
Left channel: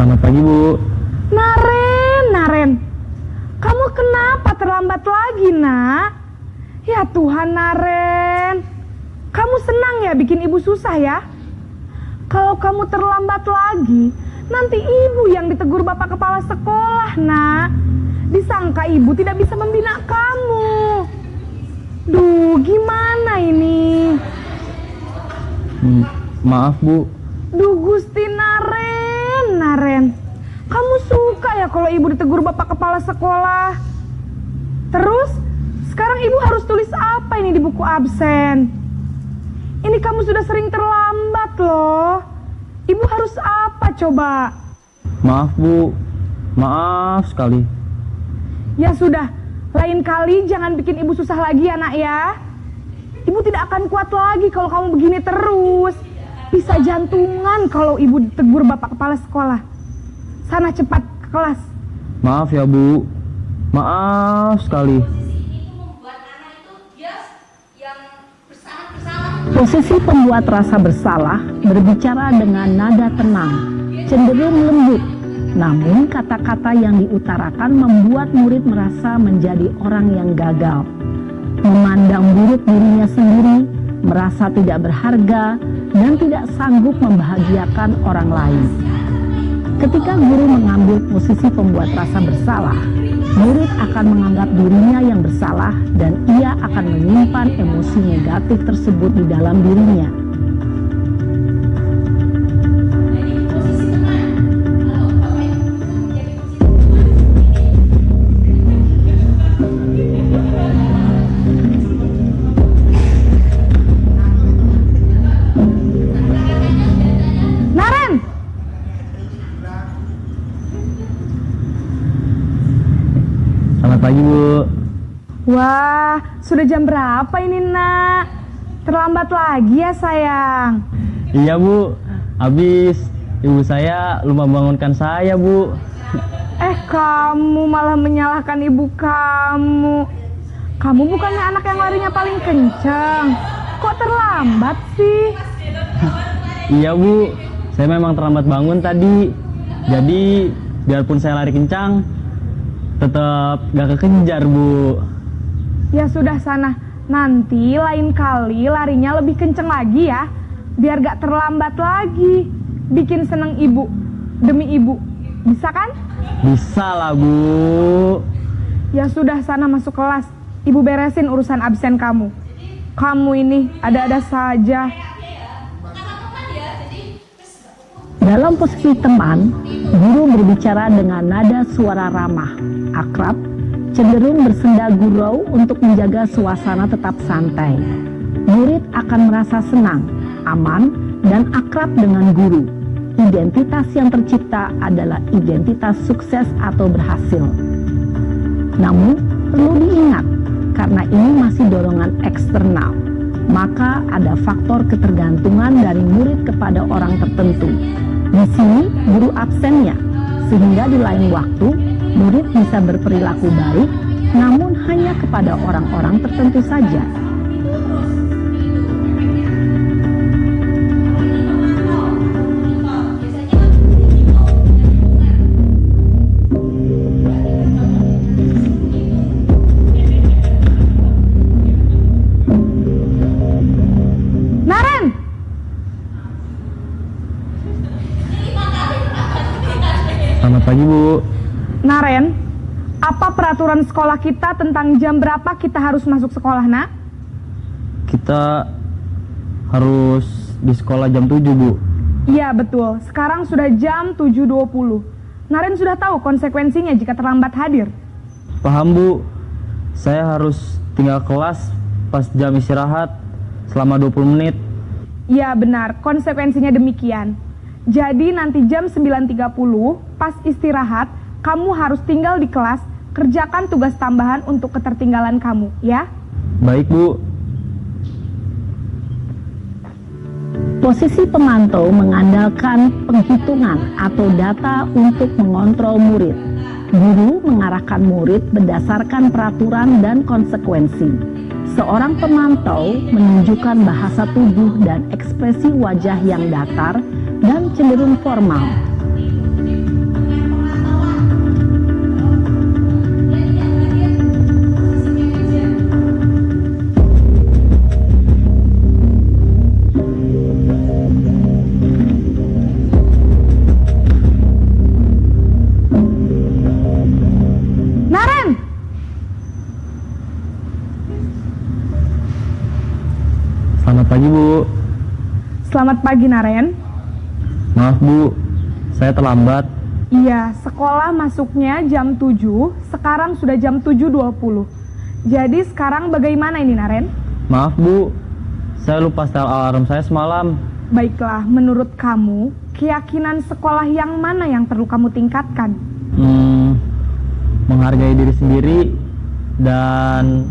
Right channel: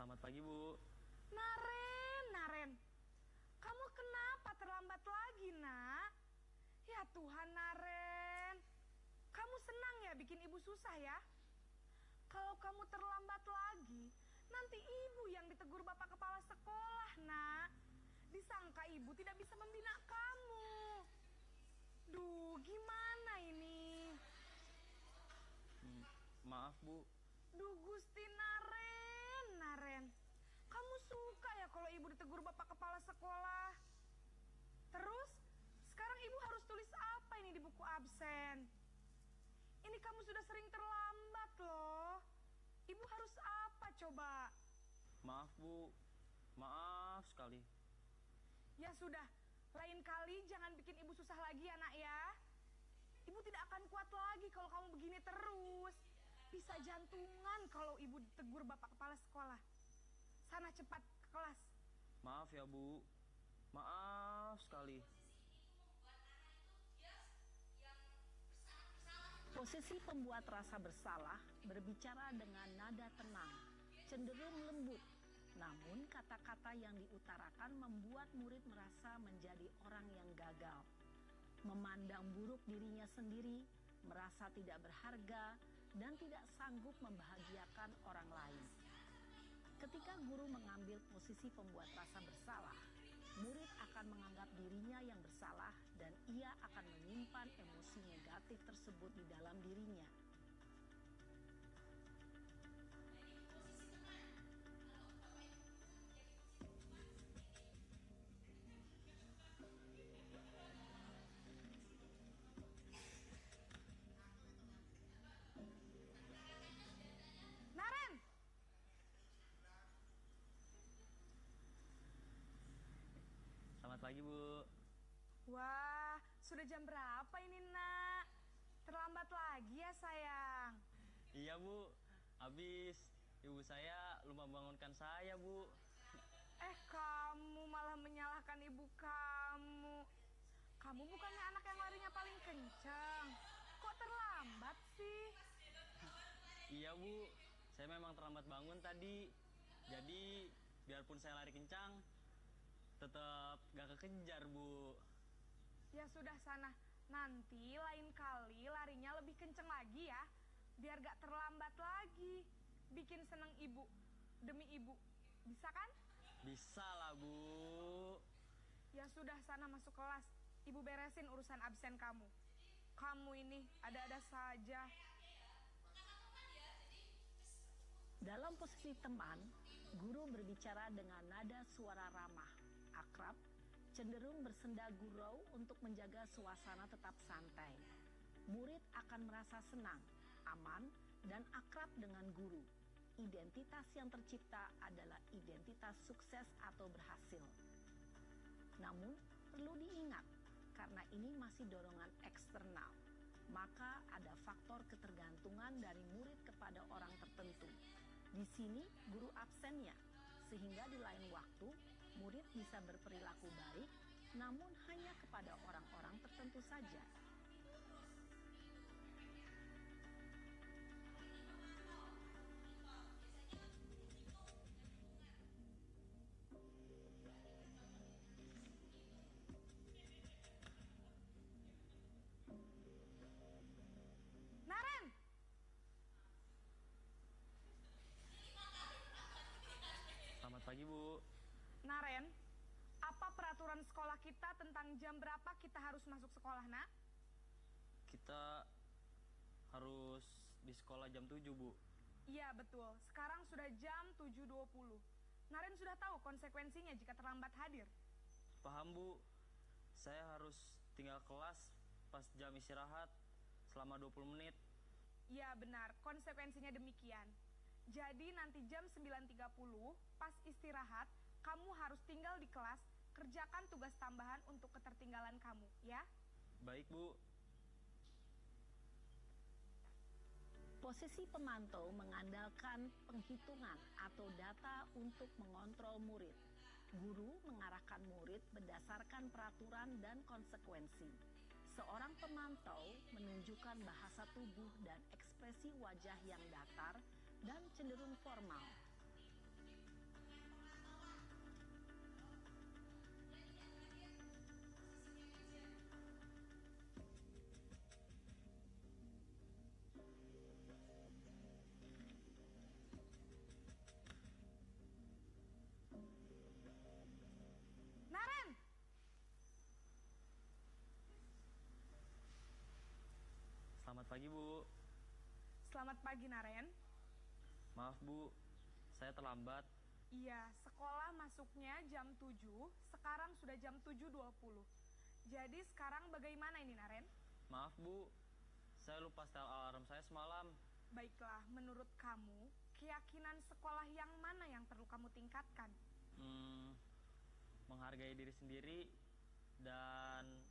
Selamat pagi, Bu. Naren. Kamu kenapa terlambat lagi, nak? Ya Tuhan, Naren. Kamu senang ya bikin ibu susah ya? Kalau kamu terlambat lagi, nanti ibu yang ditegur Bapak Kepala Sekolah, nak. Disangka ibu tidak bisa membina kamu. Duh, gimana ini? Maaf, Bu. Duh, Gusti Naren. Kamu suka ya kalau ibu ditegur Bapak Kepala Sekolah? Terus, sekarang ibu harus tulis apa ini di buku absen? Ini kamu sudah sering terlambat loh. Ibu harus apa coba? Maaf, Bu. Maaf sekali. Ya sudah, lain kali jangan bikin ibu susah lagi ya, nak ya. Ibu tidak akan kuat lagi kalau kamu begini terus. Bisa jantungan kalau ibu ditegur Bapak Kepala Sekolah. Sana cepat ke kelas. Maaf ya, Bu. Maaf sekali. Posisi pembuat rasa bersalah berbicara dengan nada tenang, cenderung lembut. Namun kata-kata yang diutarakan membuat murid merasa menjadi orang yang gagal. Memandang buruk dirinya sendiri, merasa tidak berharga, dan tidak sanggup membahagiakan orang lain. Ketika guru mengambil posisi pembuat rasa bersalah, murid akan menganggap dirinya yang bersalah dan ia akan menyimpan emosi negatif tersebut di dalam dirinya. Naren, Selamat pagi, Bu. wah, sudah jam berapa ini, Nak? Terlambat lagi ya, sayang. Iya, Bu. Habis ibu saya lupa bangunkan saya, Bu. Kamu malah menyalahkan ibu kamu. Kamu bukannya anak yang larinya paling kencang. Kok terlambat sih? Iya, Bu. Saya memang terlambat bangun tadi. Jadi, biarpun saya lari kencang, tetap gak kekejar, Bu. Ya sudah sana, nanti lain kali larinya lebih kenceng lagi ya. Biar gak terlambat lagi. Bikin seneng ibu, demi ibu. Bisa kan? Bisa lah, Bu. Ya sudah sana masuk kelas. Ibu beresin urusan absen kamu. Kamu ini ada-ada saja. Dalam posisi teman, guru berbicara dengan nada suara ramah, akrab, cenderung bersenda gurau untuk menjaga suasana tetap santai. Murid akan merasa senang, aman, dan akrab dengan guru. Identitas yang tercipta adalah identitas sukses atau berhasil. Namun, perlu diingat, karena ini masih dorongan eksternal, maka ada faktor ketergantungan dari murid kepada orang tertentu. Di sini, guru absennya, sehingga di lain waktu, murid bisa berperilaku baik, namun hanya kepada orang-orang tertentu saja. Naren, Selamat pagi, Bu. Naren, apa peraturan sekolah kita tentang jam berapa kita harus masuk sekolah, Nak? Kita harus di sekolah jam 7, Bu. Iya betul, sekarang sudah jam 7.20. Naren sudah tahu konsekuensinya jika terlambat hadir. Paham, Bu. Saya harus tinggal kelas pas jam istirahat selama 20 menit. Iya benar, konsekuensinya demikian. Jadi nanti jam 9.30 pas istirahat, kamu harus tinggal di kelas, kerjakan tugas tambahan untuk ketertinggalan kamu, ya? Baik, Bu. Posisi pemantau mengandalkan penghitungan atau data untuk mengontrol murid. Guru mengarahkan murid berdasarkan peraturan dan konsekuensi. Seorang pemantau menunjukkan bahasa tubuh dan ekspresi wajah yang datar dan cenderung formal. Naren! Selamat pagi, Bu. Selamat pagi, Naren. Maaf, Bu. Saya terlambat. Iya, sekolah masuknya jam 7, sekarang sudah jam 7.20. Jadi sekarang bagaimana ini, Naren? Maaf, Bu. Saya lupa setel alarm saya semalam. Baiklah, menurut kamu, keyakinan sekolah yang mana yang perlu kamu tingkatkan? Menghargai diri sendiri dan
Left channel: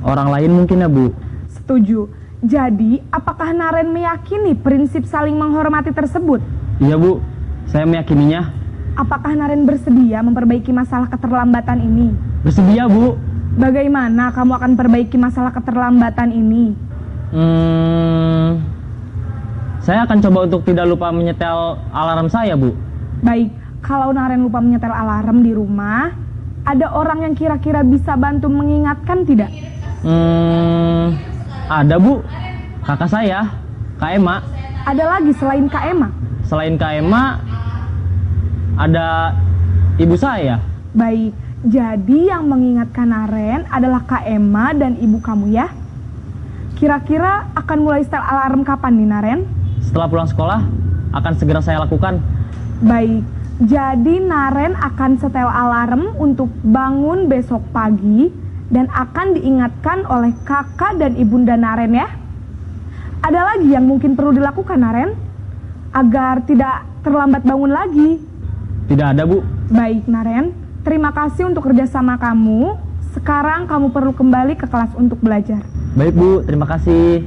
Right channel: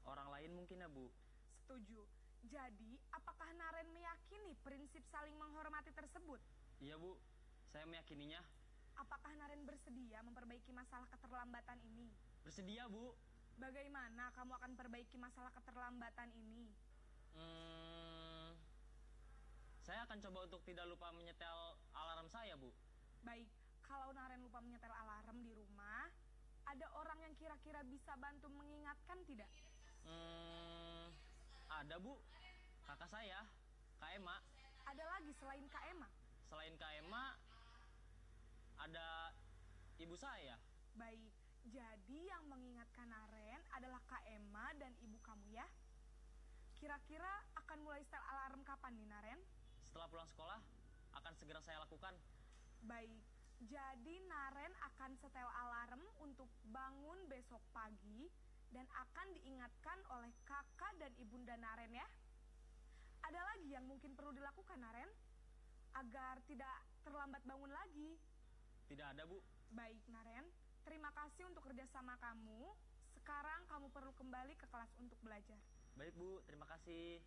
orang lain mungkin ya, Bu. Setuju. Jadi, apakah Naren meyakini prinsip saling menghormati tersebut? Iya, Bu. Saya meyakininya. Apakah Naren bersedia memperbaiki masalah keterlambatan ini? Bersedia, Bu. Bagaimana kamu akan perbaiki masalah keterlambatan ini? Saya akan coba untuk tidak lupa menyetel alarm saya, Bu. Baik, kalau Naren lupa menyetel alarm di rumah, ada orang yang kira-kira bisa bantu mengingatkan tidak? Ada, Bu. Kakak saya, Kak Ema. Ada lagi selain Kak Emma? Selain Kak Ema, ada ibu saya. Baik, jadi yang mengingatkan Naren adalah Kak Emma dan ibu kamu ya. Kira-kira akan mulai setel alarm kapan nih Naren? Setelah pulang sekolah, akan segera saya lakukan. Baik, jadi Naren akan setel alarm untuk bangun besok pagi dan akan diingatkan oleh kakak dan ibunda Naren ya. Ada lagi yang mungkin perlu dilakukan Naren agar tidak terlambat bangun lagi? Tidak ada, Bu. Baik Naren, terima kasih untuk kerjasama kamu. Sekarang kamu perlu kembali ke kelas untuk belajar. Baik, Bu. Terima kasih.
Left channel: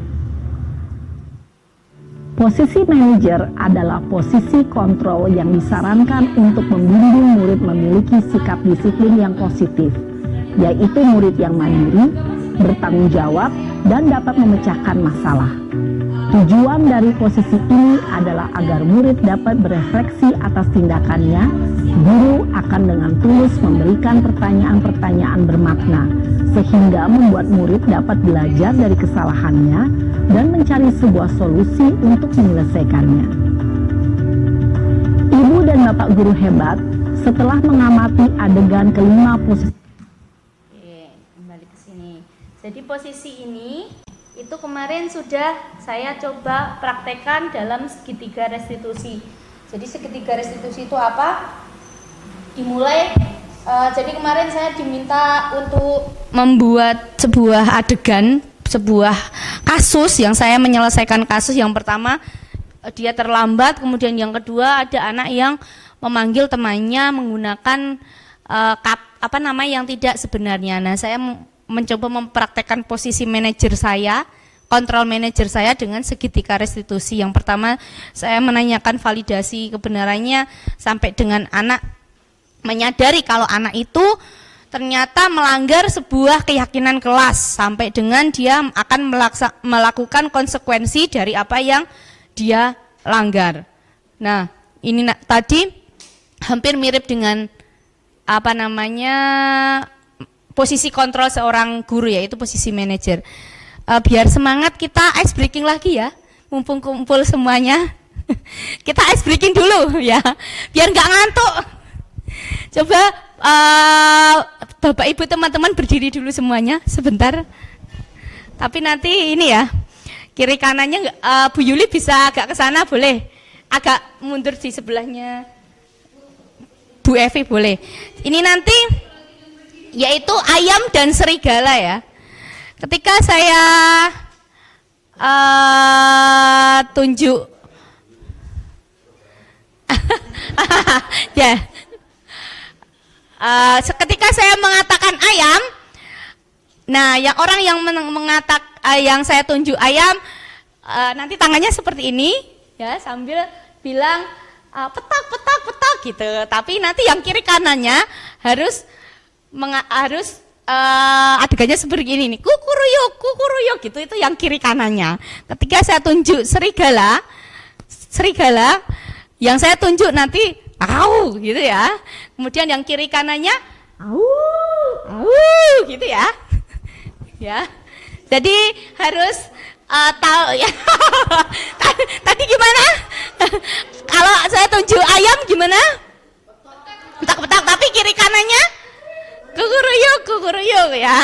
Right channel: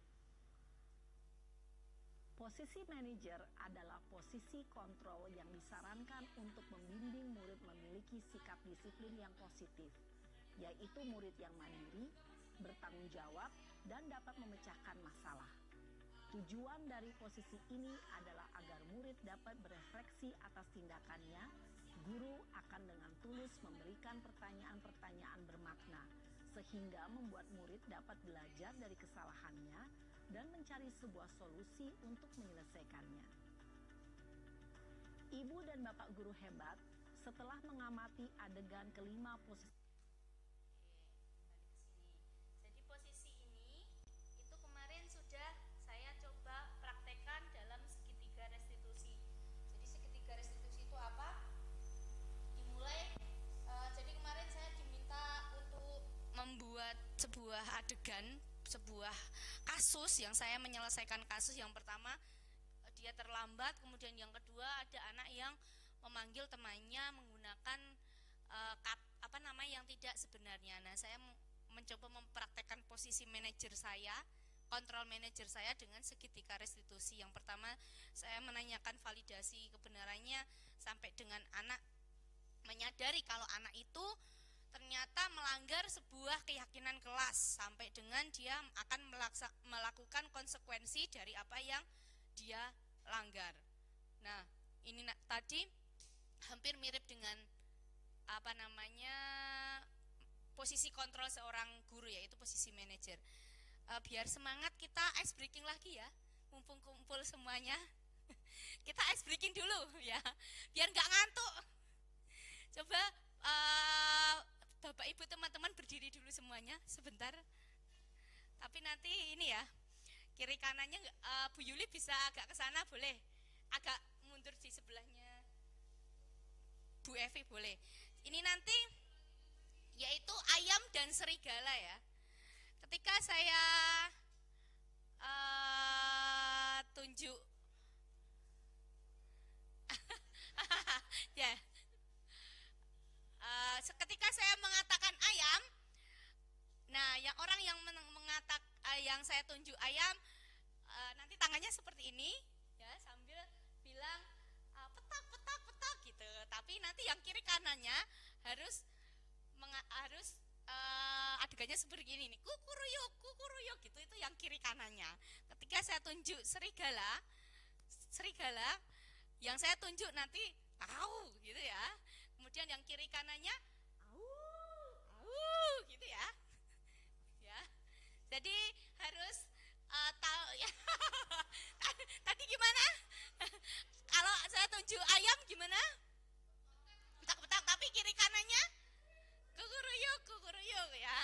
Posisi manajer adalah posisi kontrol yang disarankan untuk membimbing murid memiliki sikap disiplin yang positif, yaitu murid yang mandiri, bertanggung jawab, dan dapat memecahkan masalah. Tujuan dari posisi ini adalah agar murid dapat berefleksi atas tindakannya. Guru akan dengan tulus memberikan pertanyaan-pertanyaan bermakna, sehingga membuat murid dapat belajar dari kesalahannya dan mencari sebuah solusi untuk menyelesaikannya. Ibu dan Bapak guru hebat, setelah mengamati adegan kelima posisi. Oke, kembali ke sini. Jadi posisi ini itu kemarin sudah saya coba praktekkan dalam segitiga restitusi. Jadi segitiga restitusi itu apa? Dimulai, jadi kemarin saya diminta untuk membuat sebuah adegan, sebuah kasus yang saya menyelesaikan kasus. Yang pertama dia terlambat, kemudian yang kedua ada anak yang memanggil temannya menggunakan yang tidak sebenarnya. Nah, saya mencoba mempraktekkan posisi manajer saya, kontrol manajer saya dengan segitiga restitusi. Yang pertama saya menanyakan validasi kebenarannya sampai dengan anak menyadari kalau anak itu ternyata melanggar sebuah keyakinan kelas, sampai dengan dia akan melakukan konsekuensi dari apa yang dia langgar. Nah, ini tadi hampir mirip dengan posisi kontrol seorang guru, yaitu posisi manajer. Biar semangat, kita ice breaking lagi ya, mumpung kumpul semuanya. Kita ice breaking dulu ya, biar nggak ngantuk. Coba Bapak Ibu teman-teman berdiri dulu semuanya sebentar. Tapi nanti ini ya, kiri kanannya Bu Yuli bisa agak ke sana boleh, agak mundur di sebelahnya Bu Evi boleh. Ini nanti yaitu ayam dan serigala ya. Ketika saya tunjuk ya, ketika saya mengatakan ayam, nah yang orang yang mengatakan yang saya tunjuk ayam, nanti tangannya seperti ini ya, sambil bilang petak petak petak gitu. Tapi nanti yang kiri kanannya harus adegannya seperti ini nih, kukuruyuk gitu, itu yang kiri kanannya. Ketika saya tunjuk serigala, yang saya tunjuk nanti au gitu ya. Kemudian yang kiri kanannya au gitu ya. Ya. Jadi harus tahu ya. Tadi gimana? Kalau saya tunjuk ayam gimana? Petak-petak, tapi kiri kanannya kukuruyuk ya.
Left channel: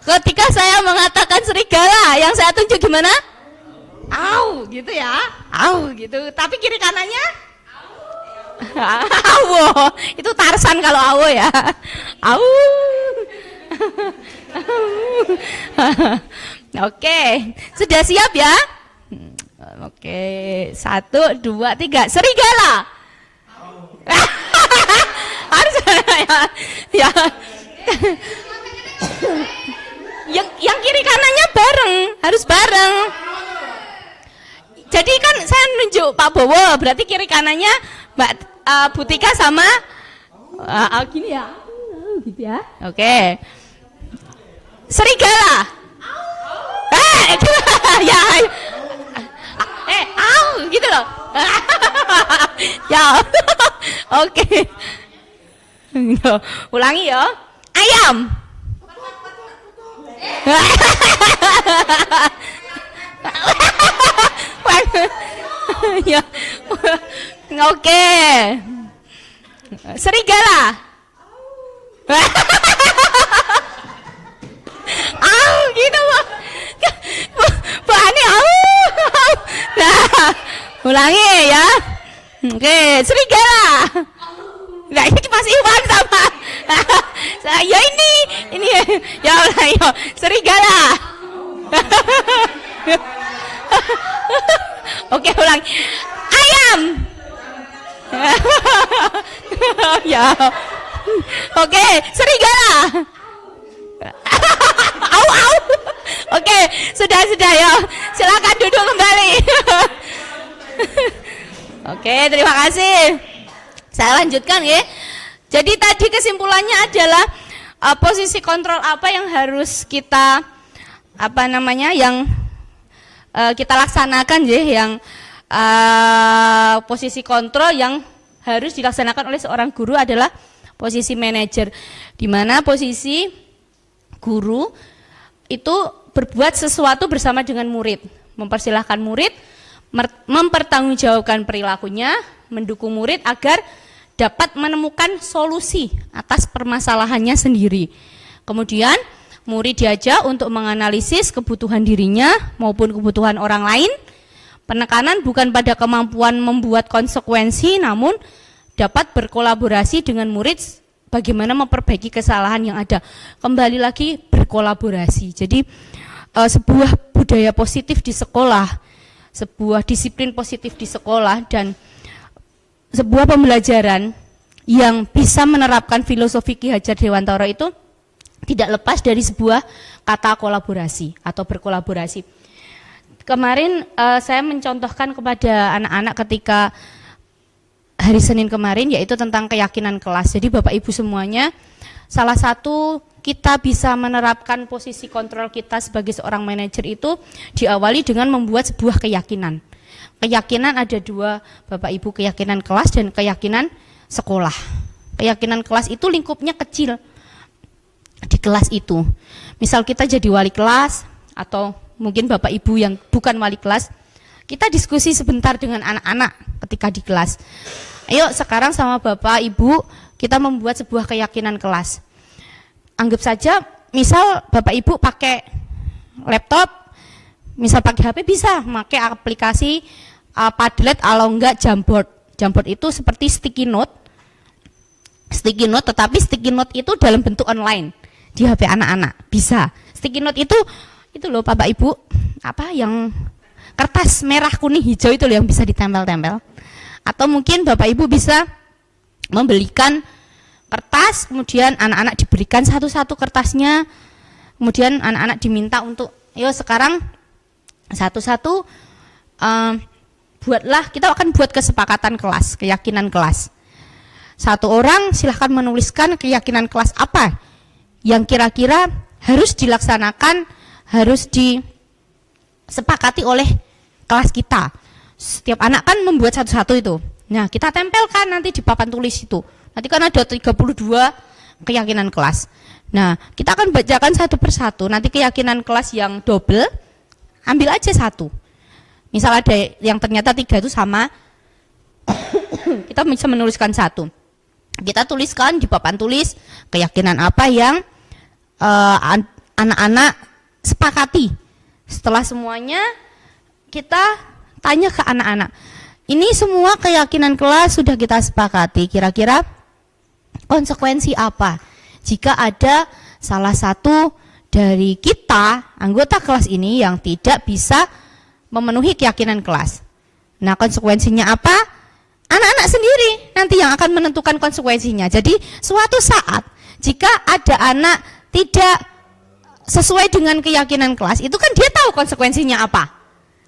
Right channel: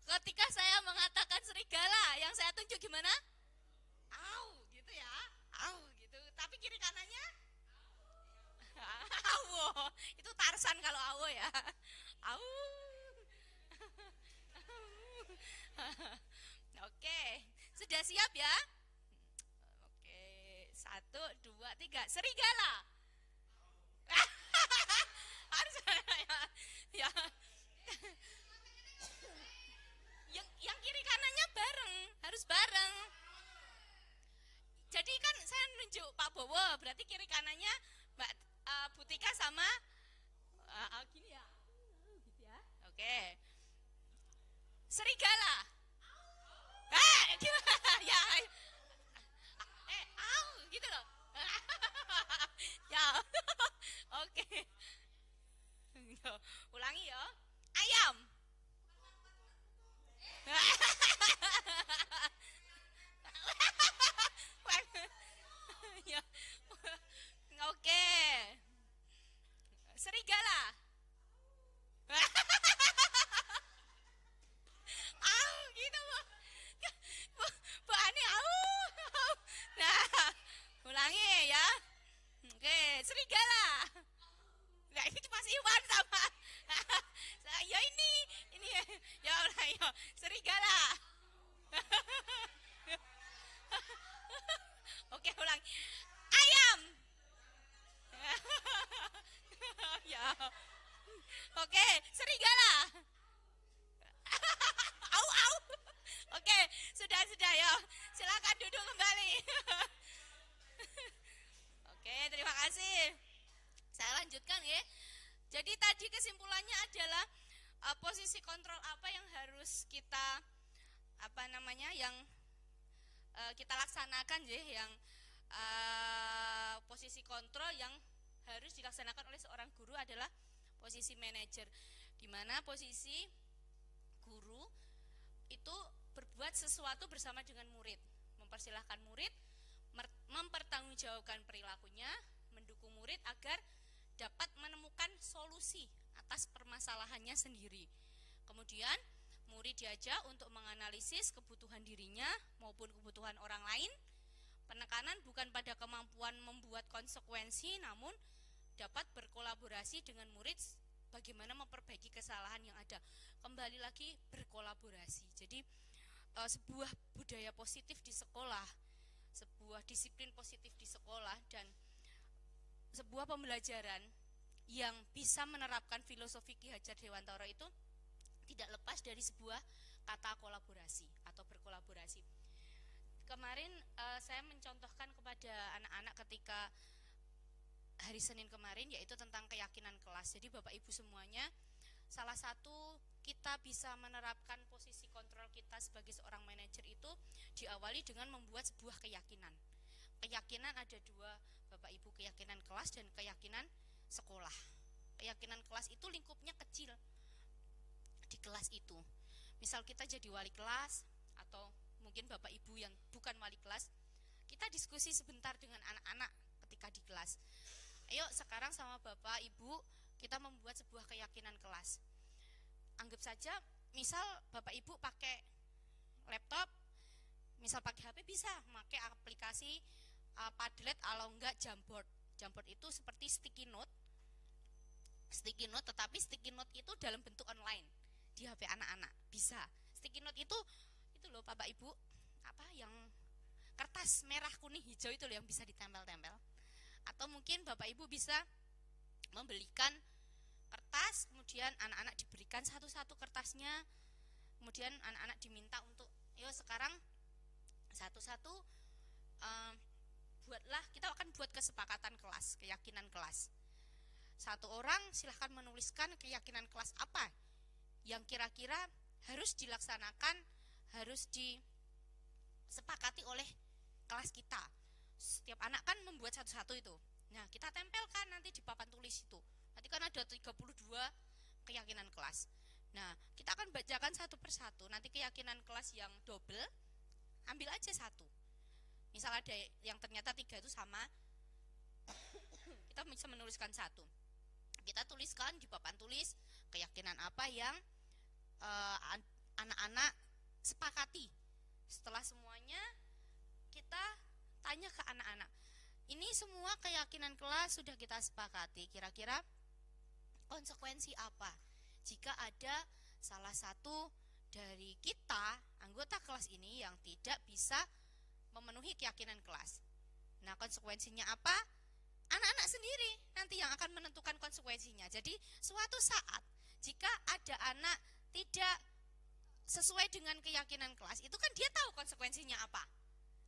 Ketika saya mengatakan serigala, yang saya tunjuk gimana? Au gitu ya. Au gitu. Tapi kiri kanannya awo. Itu Tarsan kalau awo ya. Au. Oke, sudah siap ya? Oke, 1, 2, 3, serigala. Harus ya. Yang kiri kanannya bareng, harus bareng. Jadi kan saya nunjuk Pak Bowo, berarti kiri kanannya Mbak Butika sama gini ya, gitu ya. Oke. Serigala. Ya. Gitu loh. Ya. Oke. Ulangi ya. Ayam. Ya. Oke. Serigala. Gitu Bu. Bu Ani, Nah, ulangi ya. Oke, serigala. Nah, ini masih Iwan sama. Ya ini ya Allah, ya serigala. Oke, ulang. Ayam. Ya. Oke, serigala. Au. Oke, sudah ya. Silakan duduk kembali. Oke, terima kasih. Saya lanjutkan ya. Jadi tadi kesimpulannya adalah posisi kontrol apa yang harus kita kita laksanakan ya, yang posisi kontrol yang harus dilaksanakan oleh seorang guru adalah posisi manajer, di mana posisi guru itu berbuat sesuatu bersama dengan murid, mempersilahkan murid, mempertanggungjawabkan perilakunya, mendukung murid agar dapat menemukan solusi atas permasalahannya sendiri. Kemudian murid diajak untuk menganalisis kebutuhan dirinya maupun kebutuhan orang lain. Penekanan bukan pada kemampuan membuat konsekuensi, namun dapat berkolaborasi dengan murid bagaimana memperbaiki kesalahan yang ada. Kembali lagi berkolaborasi. Jadi sebuah budaya positif di sekolah, sebuah disiplin positif di sekolah, dan sebuah pembelajaran yang bisa menerapkan filosofi Ki Hajar Dewantara itu tidak lepas dari sebuah kata kolaborasi atau berkolaborasi. Kemarin saya mencontohkan kepada anak-anak ketika hari Senin kemarin, yaitu tentang keyakinan kelas. Jadi Bapak Ibu semuanya, salah satu kita bisa menerapkan posisi kontrol kita sebagai seorang manajer itu diawali dengan membuat sebuah keyakinan. Keyakinan ada dua Bapak Ibu, keyakinan kelas dan keyakinan sekolah. Keyakinan kelas itu lingkupnya kecil di kelas itu. Misal kita jadi wali kelas atau mungkin Bapak Ibu yang bukan wali kelas, kita diskusi sebentar dengan anak-anak ketika di kelas. Ayo sekarang sama Bapak Ibu kita membuat sebuah keyakinan kelas. Anggap saja misal Bapak Ibu pakai laptop, misal pakai HP bisa pakai aplikasi Padlet atau enggak Jamboard. Jamboard itu seperti sticky note, tetapi sticky note itu dalam bentuk online di HP anak-anak bisa. Sticky note itu loh Bapak Ibu, yang kertas merah kuning hijau itu loh yang bisa ditempel-tempel. Atau mungkin Bapak Ibu bisa membelikan kertas, kemudian anak-anak diberikan satu-satu kertasnya, kemudian anak-anak diminta untuk yuk sekarang satu-satu kita akan buat kesepakatan kelas, keyakinan kelas. Satu orang silahkan menuliskan keyakinan kelas apa yang kira-kira harus dilaksanakan, harus disepakati oleh kelas kita. Setiap anak kan membuat satu-satu itu. Nah, kita tempelkan nanti di papan tulis itu. Nanti kan ada 32 keyakinan kelas. Nah, kita akan bacakan satu persatu. Nanti keyakinan kelas yang double, ambil aja satu. Misal ada yang ternyata 3 itu sama, kita bisa menuliskan satu. Kita tuliskan di papan tulis keyakinan apa yang anak-anak sepakati. Setelah semuanya kita tanya ke anak-anak, ini semua keyakinan kelas sudah kita sepakati, kira-kira konsekuensi apa jika ada salah satu dari kita anggota kelas ini yang tidak bisa memenuhi keyakinan kelas. Nah, konsekuensinya apa? Anak-anak sendiri nanti yang akan menentukan konsekuensinya. Jadi suatu saat jika ada anak tidak sesuai dengan keyakinan kelas, itu kan dia tahu konsekuensinya apa.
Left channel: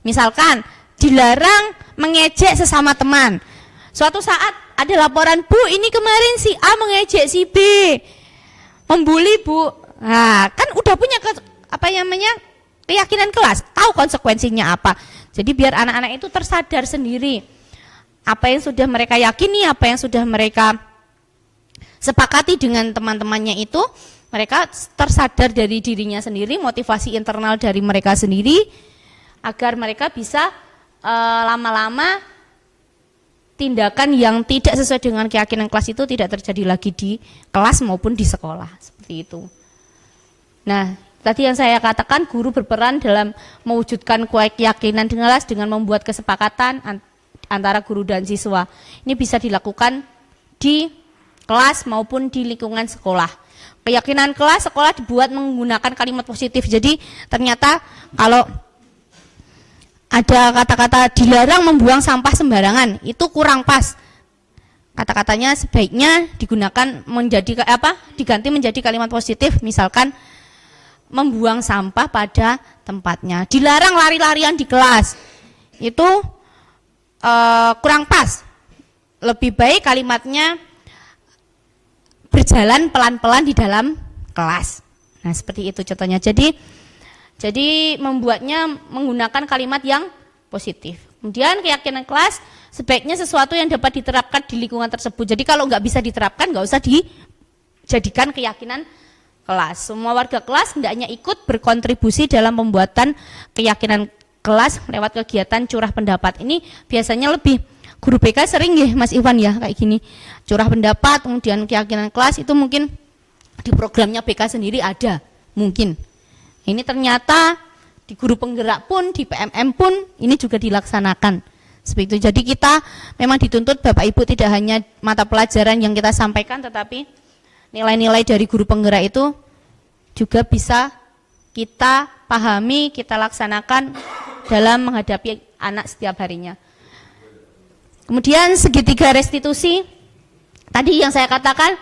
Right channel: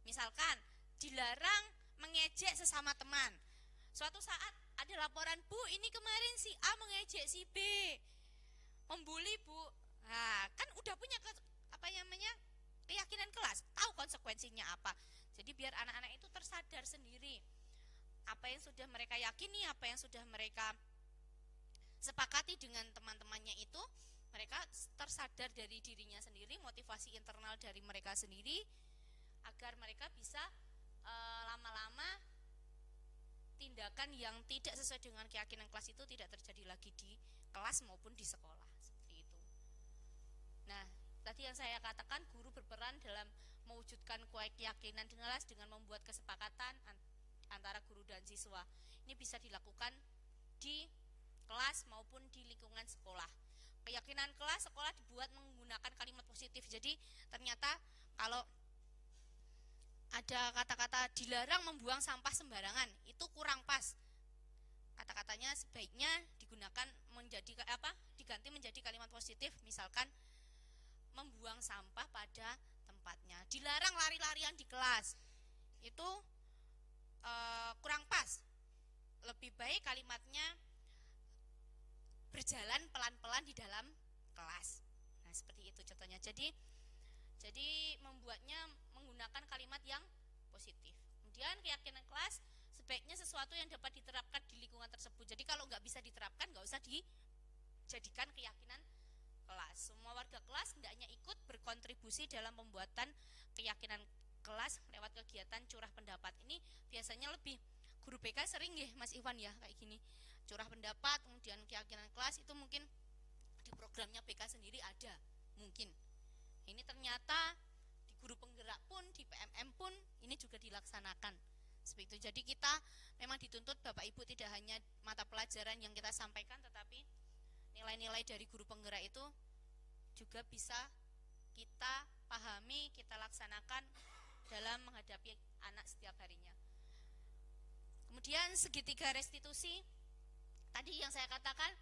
Misalkan dilarang mengejek sesama teman. Suatu saat ada laporan, Bu, ini kemarin si A mengejek si B, membuli Bu. Nah, kan udah punya keyakinan kelas, tahu konsekuensinya apa. Jadi biar anak-anak itu tersadar sendiri apa yang sudah mereka yakini, apa yang sudah mereka sepakati dengan teman-temannya itu, mereka tersadar dari dirinya sendiri, motivasi internal dari mereka sendiri, agar mereka bisa lama-lama tindakan yang tidak sesuai dengan keyakinan kelas itu tidak terjadi lagi di kelas maupun di sekolah, seperti itu. Nah, tadi yang saya katakan guru berperan dalam mewujudkan keyakinan di kelas dengan membuat kesepakatan antara guru dan siswa. Ini bisa dilakukan di kelas maupun di lingkungan sekolah. Keyakinan kelas sekolah dibuat menggunakan kalimat positif. Jadi ternyata kalau ada kata-kata dilarang membuang sampah sembarangan, itu kurang pas. Kata-katanya sebaiknya digunakan diganti menjadi kalimat positif, misalkan membuang sampah pada tempatnya. Dilarang lari-larian di kelas, itu kurang pas. Lebih baik kalimatnya berjalan pelan-pelan di dalam kelas. Nah, seperti itu contohnya. Jadi membuatnya menggunakan kalimat yang positif. Kemudian keyakinan kelas sebaiknya sesuatu yang dapat diterapkan di lingkungan tersebut. Jadi kalau nggak bisa diterapkan nggak usah dijadikan keyakinan kelas. Semua warga kelas hendaknya ikut berkontribusi dalam pembuatan keyakinan kelas lewat kegiatan curah pendapat. Ini biasanya lebih guru BK sering ya Mas Iwan ya kayak gini. Curah pendapat, kemudian keyakinan kelas itu mungkin di programnya BK sendiri ada, mungkin. Ini ternyata di guru penggerak pun, di PMM pun ini juga dilaksanakan. Seperti itu. Jadi kita memang dituntut Bapak Ibu tidak hanya mata pelajaran yang kita sampaikan, tetapi nilai-nilai dari guru penggerak itu juga bisa kita pahami, kita laksanakan dalam menghadapi anak setiap harinya. Kemudian segitiga restitusi, tadi yang saya katakan,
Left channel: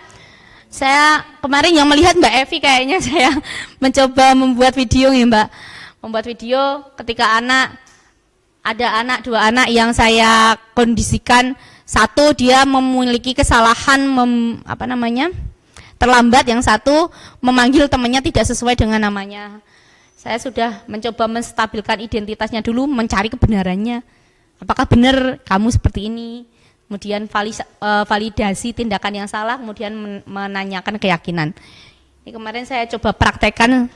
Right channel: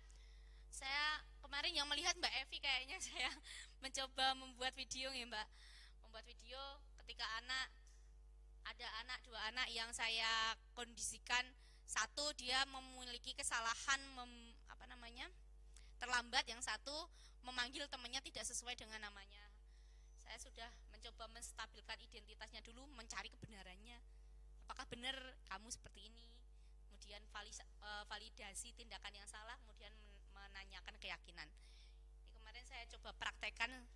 saya kemarin yang melihat Mbak Evi kayaknya saya mencoba membuat video ya Mbak. Membuat video ketika ada dua anak yang saya kondisikan, satu dia memiliki kesalahan terlambat, yang satu memanggil temannya tidak sesuai dengan namanya. Saya sudah mencoba menstabilkan identitasnya dulu, mencari kebenarannya. Apakah benar kamu seperti ini? Kemudian validasi tindakan yang salah, kemudian menanyakan keyakinan. Ini kemarin saya coba praktekkan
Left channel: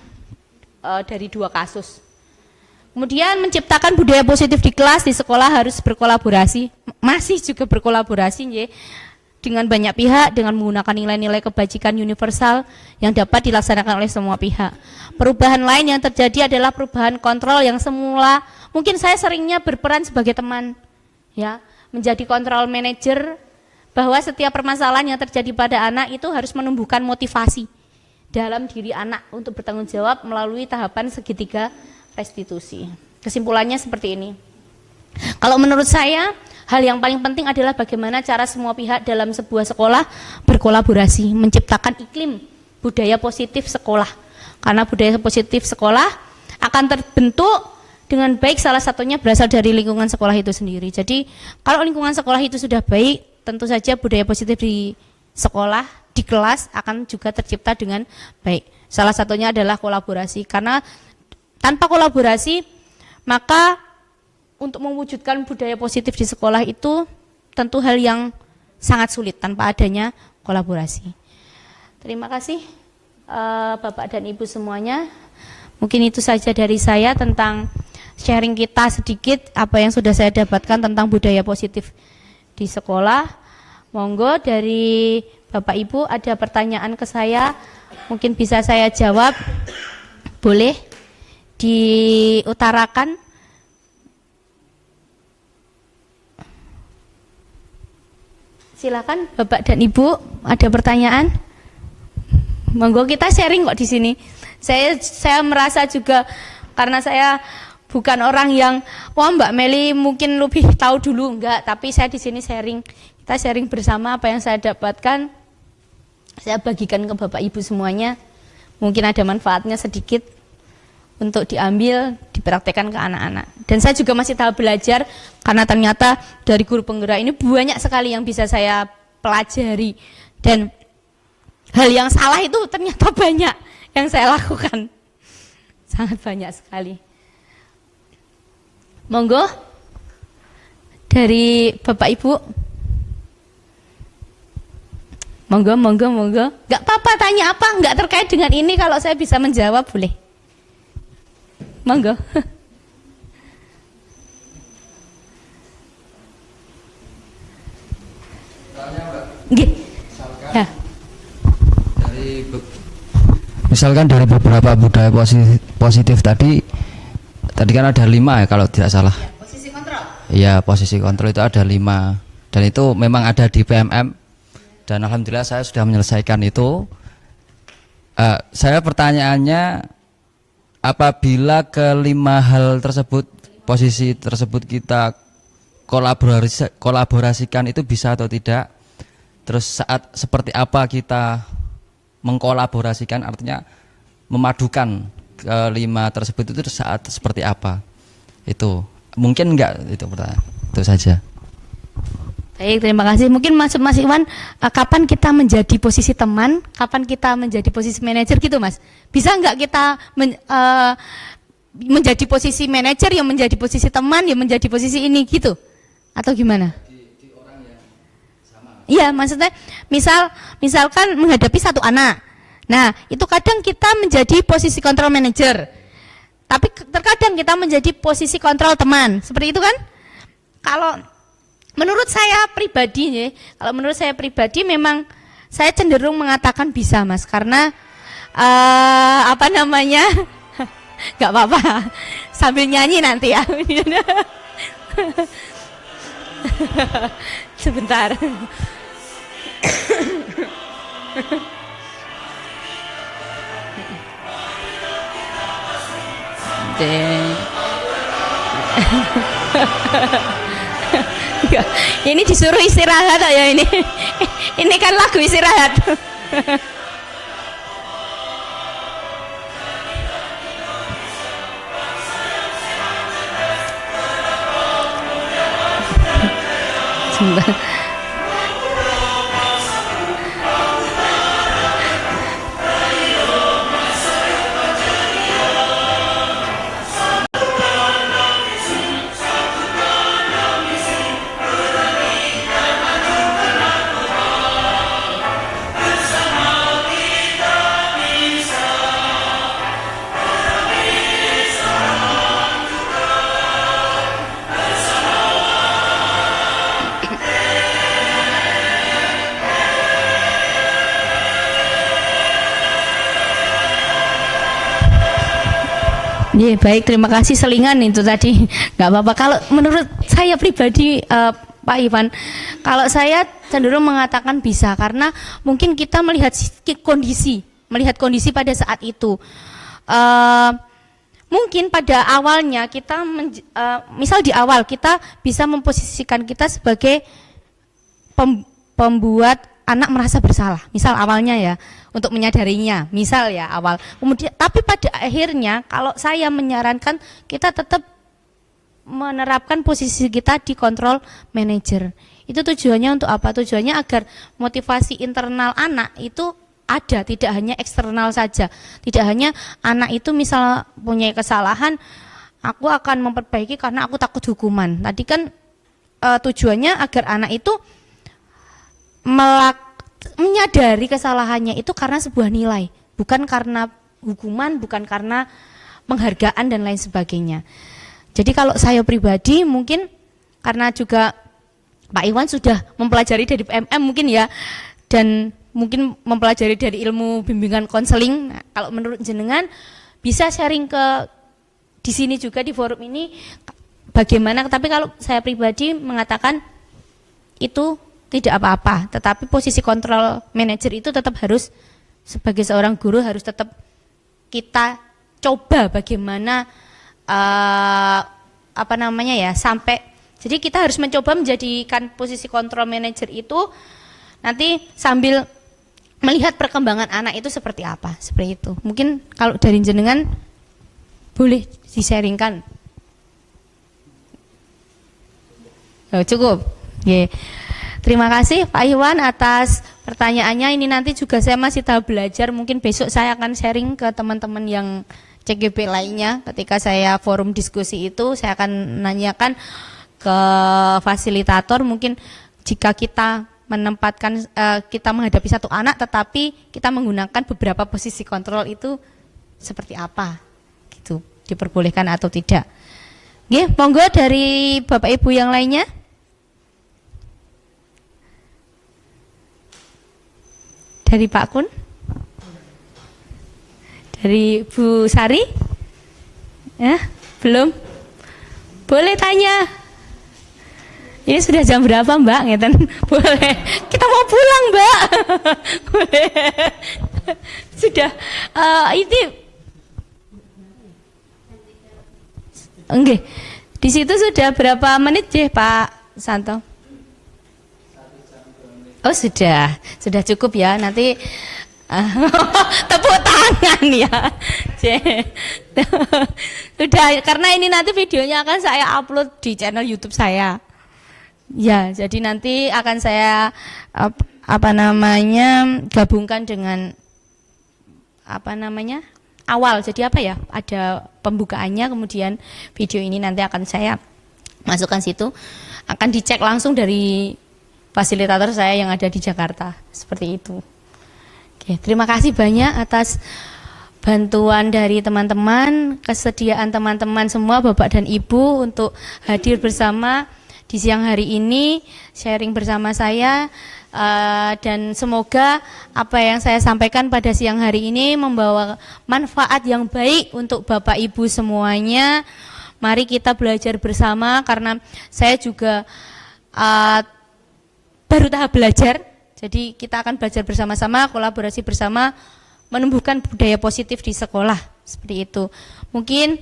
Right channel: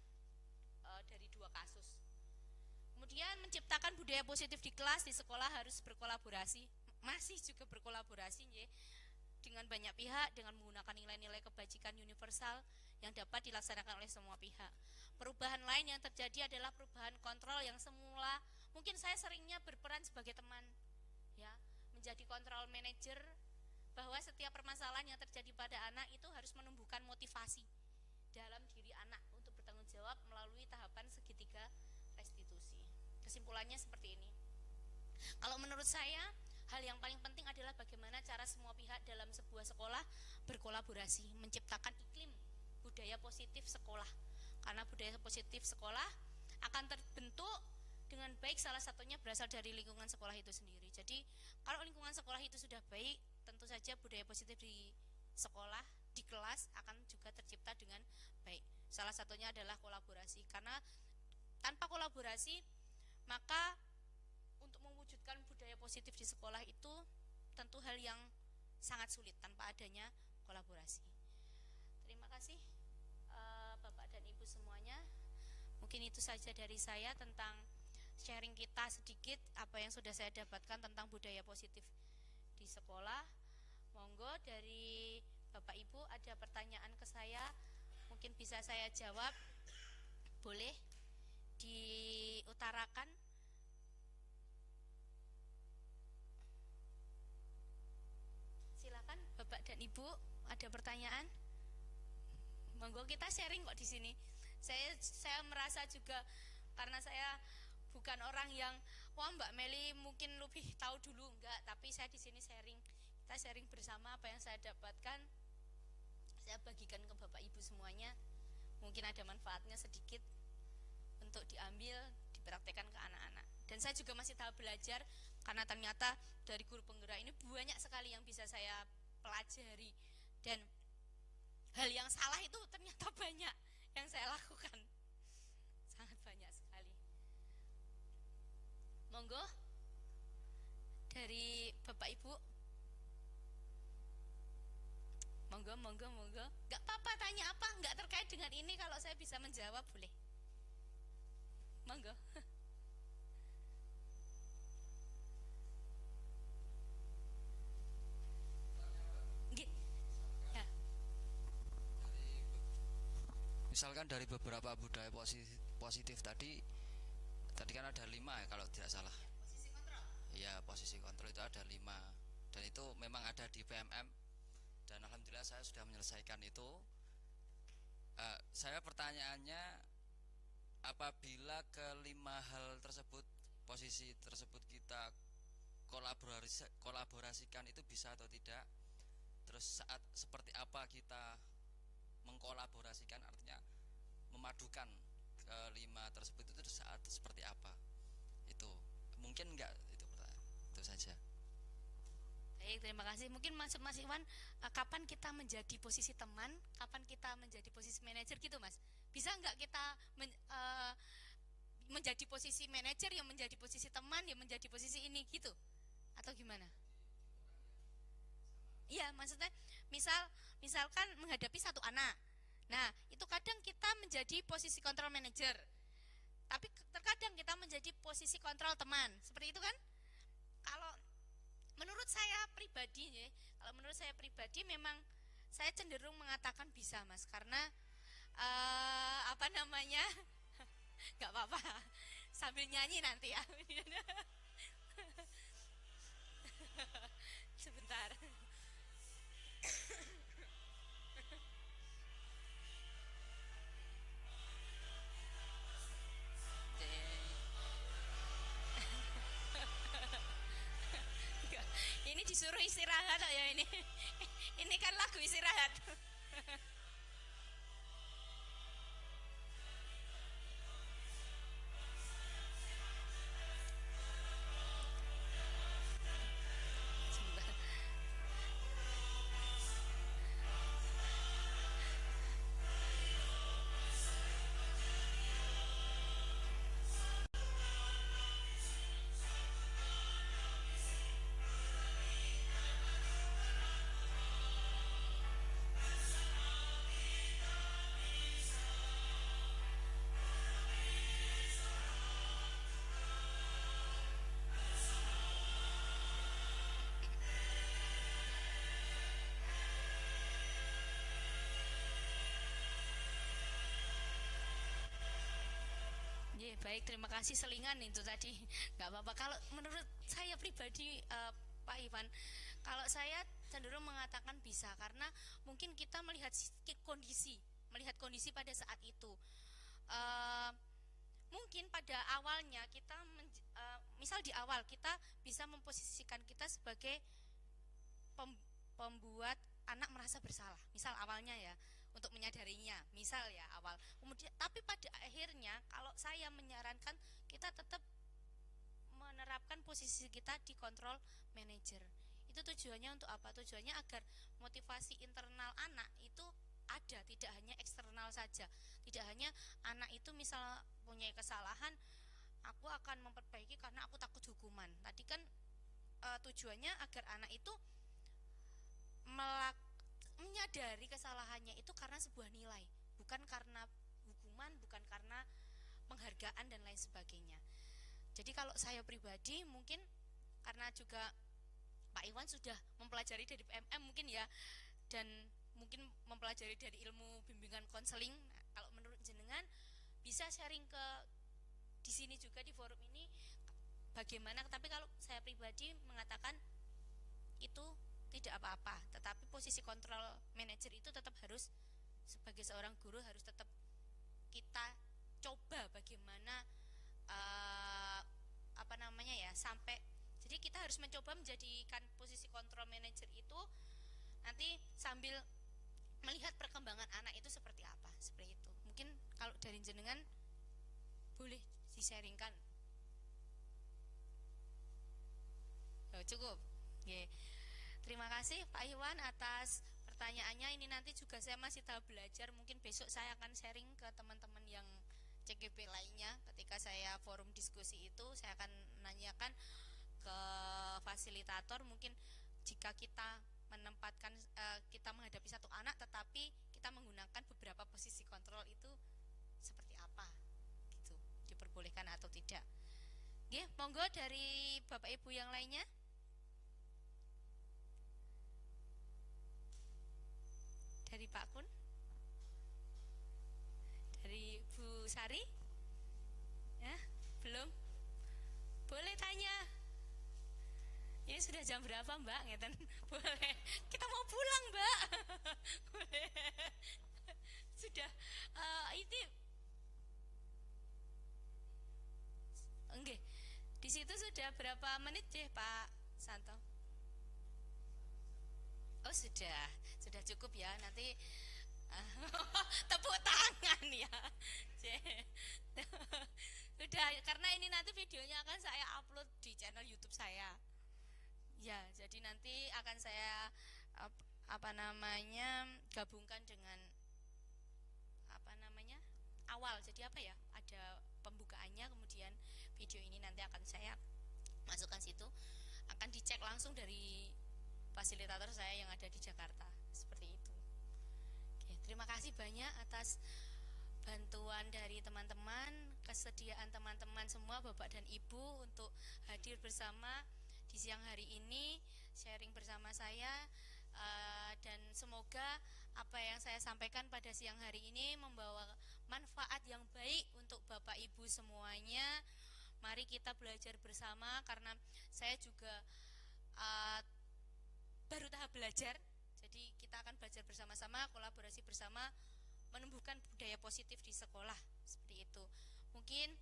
dari 2 kasus. Kemudian menciptakan budaya positif di kelas, di sekolah harus berkolaborasi, masih juga berkolaborasi ya, dengan banyak pihak, dengan menggunakan nilai-nilai kebajikan universal yang dapat dilaksanakan oleh semua pihak. Perubahan lain yang terjadi adalah perubahan kontrol yang semula, mungkin saya seringnya berperan sebagai teman, ya, menjadi kontrol manager, bahwa setiap permasalahan yang terjadi pada anak itu harus menumbuhkan motivasi dalam diri anak untuk bertanggung jawab melalui tahapan segitiga restitusi. Kesimpulannya seperti ini. Kalau menurut saya, hal yang paling penting adalah bagaimana cara semua pihak dalam sebuah sekolah berkolaborasi, menciptakan iklim budaya positif sekolah. Karena budaya positif sekolah akan terbentuk dengan baik, salah satunya berasal dari lingkungan sekolah itu sendiri. Jadi kalau lingkungan sekolah itu sudah baik, tentu saja budaya positif di sekolah, di kelas akan juga tercipta dengan baik. Salah satunya adalah kolaborasi, karena tanpa kolaborasi maka untuk mewujudkan budaya positif di sekolah itu tentu hal yang sangat sulit tanpa adanya kolaborasi. Terima kasih Bapak dan Ibu semuanya. Mungkin itu saja dari saya tentang sharing kita sedikit apa yang sudah saya dapatkan tentang budaya positif di sekolah. Monggo dari Bapak Ibu ada pertanyaan ke saya, mungkin bisa saya jawab. Boleh diutarakan. Silakan Bapak dan Ibu, ada pertanyaan? Monggo, kita sharing kok di sini. Saya merasa juga karena saya bukan orang yang wah Mbak Meli mungkin lebih tahu dulu, enggak, tapi saya di sini sharing. Kita sharing bersama apa yang saya dapatkan. Saya bagikan ke Bapak Ibu semuanya. Mungkin ada manfaatnya sedikit untuk diambil, dipraktekkan ke anak-anak. Dan saya juga masih tahap belajar karena ternyata dari guru penggerak ini banyak sekali yang bisa saya pelajari, dan hal yang salah itu ternyata banyak yang saya lakukan. Sangat banyak sekali. Monggo dari Bapak Ibu. Monggo. Enggak apa-apa, tanya apa, enggak terkait dengan ini, kalau saya bisa menjawab boleh. Monggo. Nggih. Ya. Misalkan dari beberapa budaya positif tadi kan ada 5 ya kalau tidak salah. Posisi kontrol. Iya, posisi kontrol itu ada 5 dan itu memang ada di PMM dan alhamdulillah saya sudah menyelesaikan itu. Saya pertanyaannya, apabila kelima hal tersebut, posisi tersebut kita kolaborasikan itu bisa atau tidak? Terus saat seperti apa kita mengkolaborasikan, artinya memadukan kelima tersebut itu saat seperti apa? Itu mungkin enggak, itu pertanyaan. Itu saja. Baik, terima kasih. Mungkin Mas Iwan, kapan kita menjadi posisi teman, kapan kita menjadi posisi manajer gitu Mas? Bisa enggak kita menjadi posisi manajer, yang menjadi posisi teman, yang menjadi posisi ini gitu? Atau gimana? Iya, maksudnya misalkan menghadapi satu anak. Nah, itu kadang kita menjadi posisi kontrol manager. Tapi terkadang kita menjadi posisi kontrol teman. Seperti itu kan? Kalau menurut saya pribadi memang saya cenderung mengatakan bisa, Mas, karena nggak apa-apa. Sambil nyanyi nanti ya. Sebentar. Ini disuruh istirahat ya ini. Ini kan lagu istirahat. Sebentar. Iya, baik, terima kasih. Selingan itu tadi, nggak apa-apa. Kalau menurut saya pribadi, Pak Iwan, kalau saya cenderung mengatakan bisa, karena mungkin kita melihat kondisi pada saat itu. Mungkin pada awalnya kita, misal di awal kita bisa memposisikan kita sebagai pembuat anak merasa bersalah, misal awalnya ya, untuk menyadarinya, misal ya awal. Kemudian, tapi pada akhirnya kalau saya menyarankan kita tetap menerapkan posisi kita di kontrol manager. Itu tujuannya untuk apa? Tujuannya agar motivasi internal anak itu ada, tidak hanya eksternal saja. Tidak hanya anak itu misal punya kesalahan, aku akan memperbaiki karena aku takut hukuman. Tadi kan tujuannya agar anak itu menyadari kesalahannya itu karena sebuah nilai, bukan karena hukuman, bukan karena penghargaan dan lain sebagainya. Jadi kalau saya pribadi mungkin karena juga Pak Iwan sudah mempelajari dari PMM mungkin ya, dan mungkin mempelajari dari ilmu bimbingan konseling. Nah, kalau menurut jenengan bisa sharing ke di sini juga di forum ini bagaimana? Tapi kalau saya pribadi mengatakan itu tidak apa-apa, tetapi posisi kontrol manajer itu tetap harus, sebagai seorang guru harus tetap kita coba bagaimana sampai, jadi kita harus mencoba menjadikan posisi kontrol manajer itu nanti sambil melihat perkembangan anak itu seperti apa, seperti itu. Mungkin kalau dari jenengan boleh di-sharingkan. Oh, cukup. Yeah. Terima kasih Pak Iwan atas pertanyaannya. Ini nanti juga saya masih tahap belajar. Mungkin besok saya akan sharing ke teman-teman yang CGP lainnya. Ketika saya forum diskusi itu, saya akan nanyakan ke fasilitator. Mungkin jika kita menempatkan, kita menghadapi satu anak, tetapi kita menggunakan beberapa posisi kontrol itu seperti apa, gitu, diperbolehkan atau tidak. Oke, monggo dari Bapak Ibu yang lainnya. Dari Pak Kun? Dari Bu Sari? Ya, belum? Boleh tanya. Ini sudah jam berapa Mbak? Ngeten. Boleh. Kita mau pulang Mbak. Boleh. Sudah. Ini. Oke. Di situ sudah berapa menit ya Pak Santo? Oh sudah cukup ya. Nanti tepuk tangan ya. Sudah, karena ini nanti videonya akan saya upload di channel YouTube saya. Ya, jadi nanti akan saya gabungkan dengan awal. Jadi apa ya? Ada pembukaannya, kemudian video ini nanti akan saya masukkan situ. Akan dicek langsung dari fasilitator saya yang ada di Jakarta. Seperti itu. Oke, terima kasih banyak atas bantuan dari teman-teman, kesediaan teman-teman semua, Bapak dan Ibu untuk hadir bersama di siang hari ini, sharing bersama saya. Dan semoga apa yang saya sampaikan pada siang hari ini membawa manfaat yang baik untuk Bapak Ibu semuanya. Mari kita belajar bersama, karena saya juga baru tahap belajar. Jadi kita akan belajar bersama-sama, kolaborasi bersama, menumbuhkan budaya positif di sekolah. Seperti itu. Mungkin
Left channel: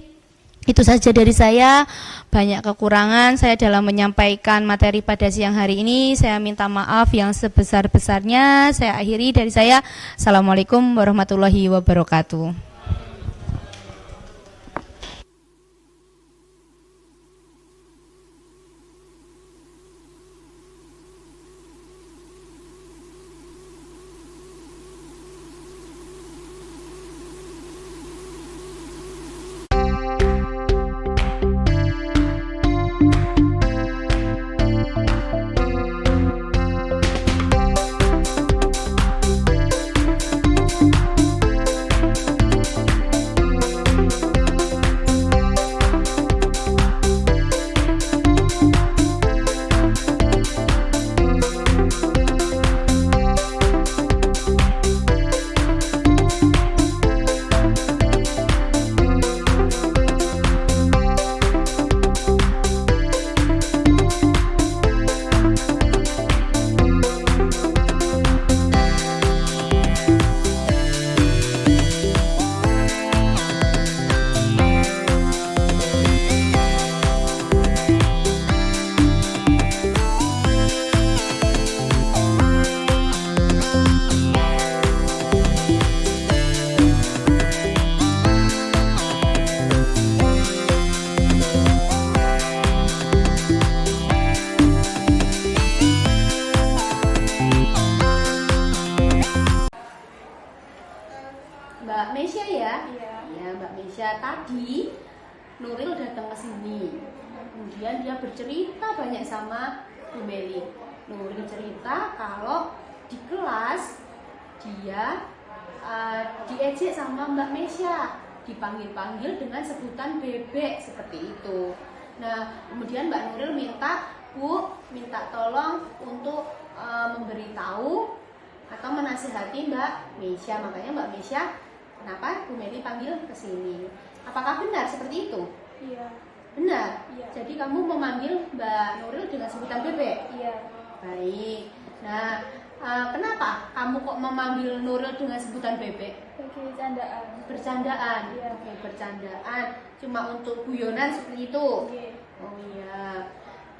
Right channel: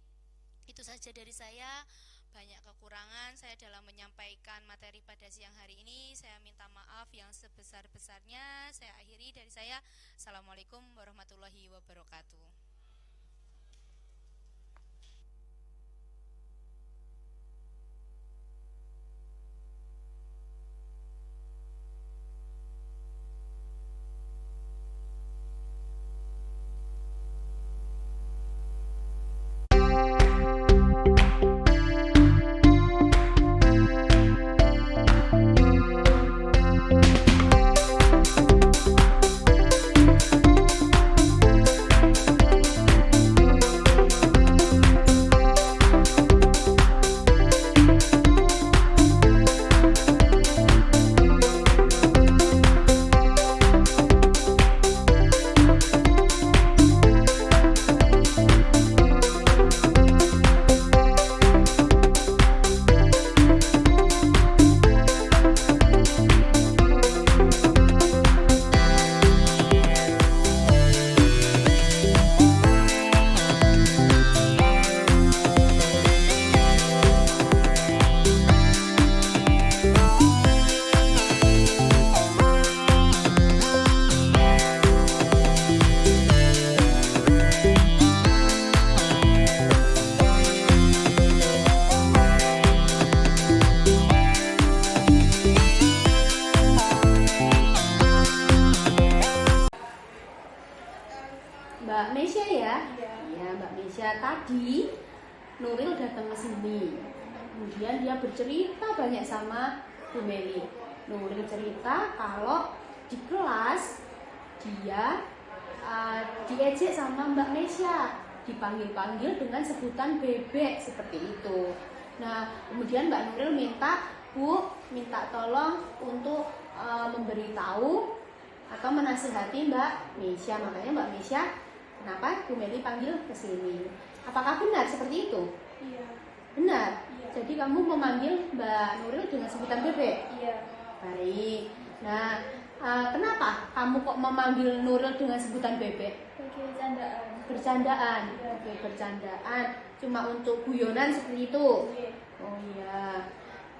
itu saja dari saya. Banyak kekurangan saya dalam menyampaikan materi pada siang hari ini. Saya minta maaf yang sebesar-besarnya. Saya akhiri dari saya. Assalamualaikum warahmatullahi wabarakatuh. Mbak Mesya ya? Iya, Mbak Mesya. Tadi Nuril datang ke sini. Kemudian dia bercerita banyak sama Bu Meli. Nuril cerita kalau di kelas dia diejek sama Mbak Mesya, dipanggil-panggil dengan sebutan bebek seperti itu. Nah, kemudian Mbak Nuril minta, Bu, minta tolong untuk memberitahu atau menasihati Mbak Mesya. Makanya Mbak Mesya, kenapa Bu Meli panggil ke sini? Apakah benar seperti itu? Iya. Benar? Iya. Jadi kamu memanggil Mbak Nuril dengan sebutan bebek? Iya. Baik. Nah, kenapa kamu kok memanggil Nuril dengan sebutan bebek? Bagi bercandaan. Bercandaan? Iya. Oke, bercandaan. Cuma untuk guyonan seperti itu? Iya. Oh iya.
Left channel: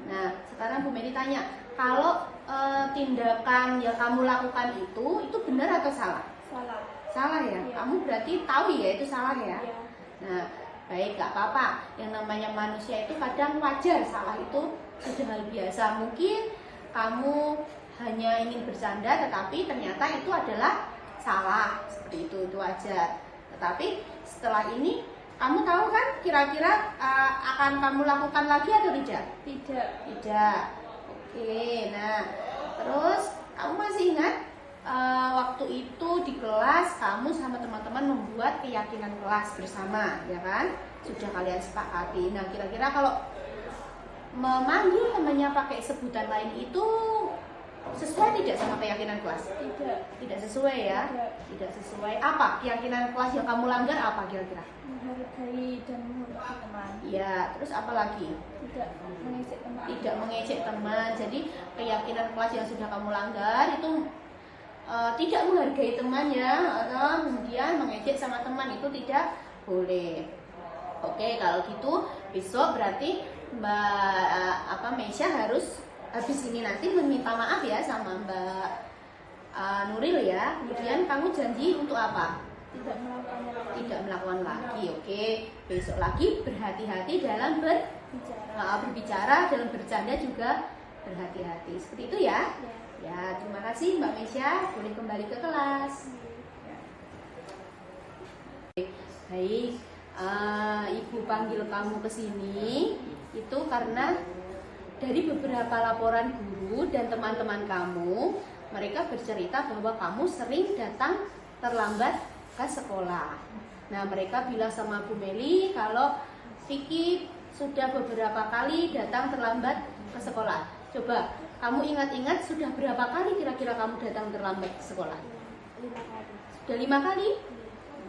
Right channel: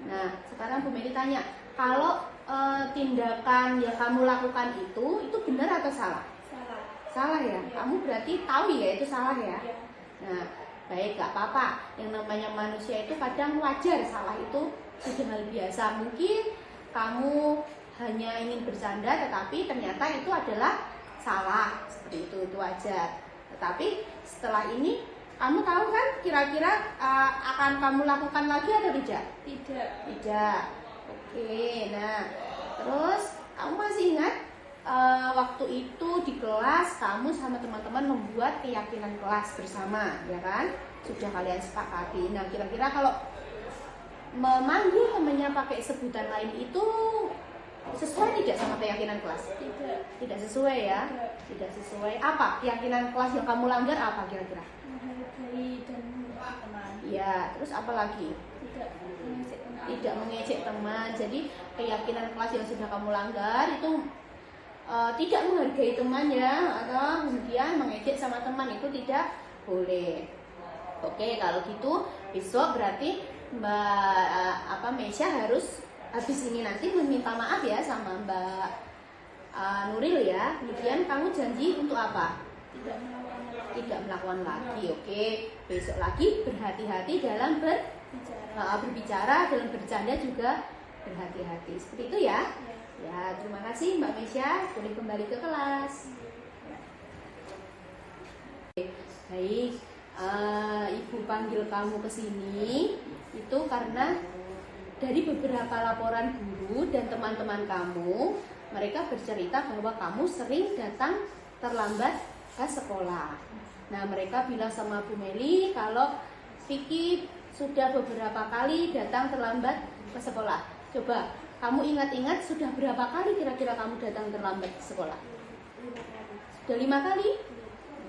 Nah, sekarang Bu Meli tanya, kalau tindakan yang kamu lakukan itu benar atau salah? Salah. Salah ya? Kamu berarti tahu ya itu salah ya? Iya. Nah, baik, gak apa-apa. Yang namanya manusia itu kadang wajar, salah itu sudah hal biasa. Mungkin kamu hanya ingin bercanda, tetapi ternyata itu adalah salah. Seperti itu wajar. Tetapi setelah ini, kamu tahu kan kira-kira akan kamu lakukan lagi atau tidak? Tidak. Tidak. Oke, nah terus kamu masih ingat waktu itu di kelas kamu sama teman-teman membuat keyakinan kelas bersama, ya kan? Sudah kalian sepakati. Nah, kira-kira kalau memanggil temannya pakai sebutan lain itu Sesuai tidak sama keyakinan kelas? Tidak sesuai ya? Tidak sesuai. Apa keyakinan kelas yang kamu langgar apa kira-kira? Menghargai dan menghormati teman. Ya, terus apa lagi? Tidak mengejek teman. Tidak mengejek teman. Jadi keyakinan kelas yang sudah kamu langgar itu tidak menghargai teman ya, atau kemudian mengejek sama teman itu tidak boleh. Oke, kalau gitu besok berarti Mbak Mesya harus habis ini nanti meminta maaf ya sama Mbak Nuril ya. Kemudian kamu janji untuk apa? Tidak melakukan lagi. Oke, besok lagi berhati-hati dalam berbicara, dalam bercanda juga berhati-hati. Seperti itu ya. Ya, terima kasih Mbak Mesya. Boleh kembali ke kelas. Baik, Ibu panggil kamu ke sini itu karena dari beberapa laporan guru dan teman-teman kamu, mereka bercerita bahwa kamu sering datang terlambat ke sekolah. Nah, mereka bilang sama Bu Meli kalau Vicky sudah beberapa kali datang terlambat ke sekolah. Coba kamu ingat-ingat sudah berapa kali kira-kira kamu datang terlambat ke sekolah? 5 kali. Sudah 5 kali?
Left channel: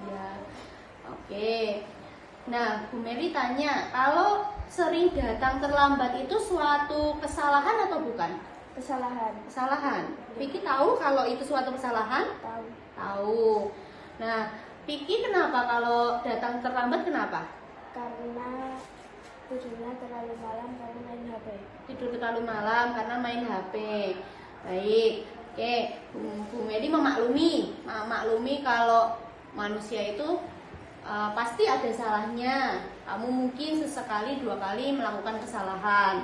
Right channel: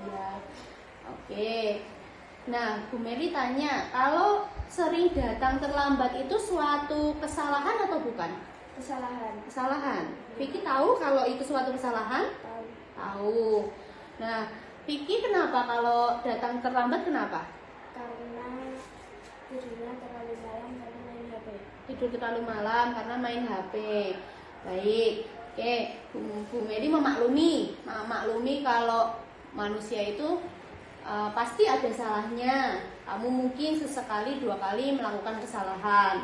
Iya. Oke. Nah, Bu Meli tanya, kalau sering datang terlambat itu suatu kesalahan atau bukan? Kesalahan. Kesalahan. Vicky tahu kalau itu suatu kesalahan? Tahu. Tahu. Nah, Vicky kenapa kalau datang terlambat kenapa? Karena tidurnya terlalu malam karena main HP. Tidur terlalu malam karena main HP. Baik. Oke, Bu Meli memaklumi kalau manusia itu pasti ada salahnya. Kamu mungkin sesekali 2 kali melakukan kesalahan.